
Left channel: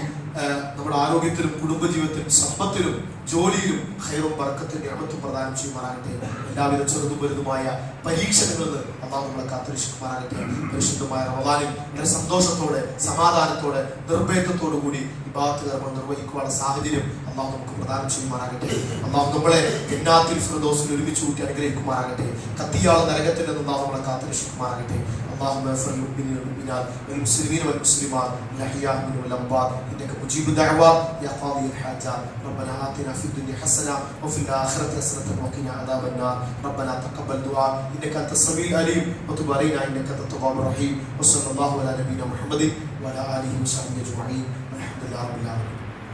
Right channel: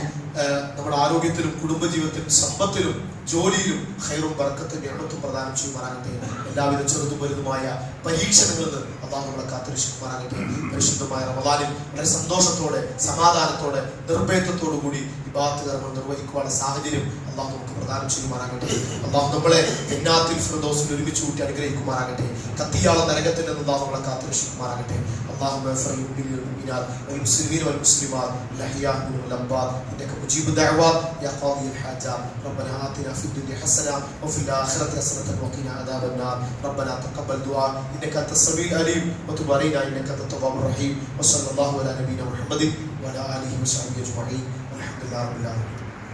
നമ്മുടെ ആരോഗ്യത്തിലും കുടുംബജീവിതത്തിലും സമ്പത്തിലും ജോലിയിലും ഖൈറും ബറക്കത്തും നിഅമത്തും പ്രദാനം ചെയ്യുമാറാകട്ടെ. എല്ലാവിധ ചെറുതും വലുതുമായ പരീക്ഷണങ്ങളിൽ നിന്ന് അല്ലാഹു നമ്മളെ കാത്തുരക്ഷിക്കുമാറാകട്ടെ. പരിശുദ്ധമായ റമദാനിൽ വളരെ സന്തോഷത്തോടെ, സമാധാനത്തോടെ, നിർഭയത്വത്തോടു കൂടി ഇബാദത്ത് കർമ്മങ്ങൾ നിർവഹിക്കുവാനുള്ള സാഹചര്യം അല്ലാഹു നമുക്ക് പ്രദാനം ചെയ്യുമാറാകട്ടെ. അല്ലാഹു നമ്മളെ ജന്നാത്തുൽ ഫിർദൗസിൽ ഒരുമിച്ച് കൂട്ടി അനുഗ്രഹിക്കുമാറാകട്ടെ. കത്തിയാള നരകത്തിൽ നിന്ന് അല്ലാഹു നമ്മളെ കാത്തുരക്ഷിക്കുമാറാകട്ടെ. اللهم اغفر للمؤمنين والمؤمنات والمسلمين والمسلمات الاحياء منهم والاموات انك مجيب الدعوات يا قاضي الحاجات. ربنا آتنا في الدنيا حسنه وفي الاخره حسنه وقنا عذاب النار. ربنا تقبل دعاء انك انت السميع العليم وتب علينا انك انت التواب الرحيم. وصلى الله على نبينا محمد وعلى اله وصحبه اجمعين والحمد لله رب العالمين.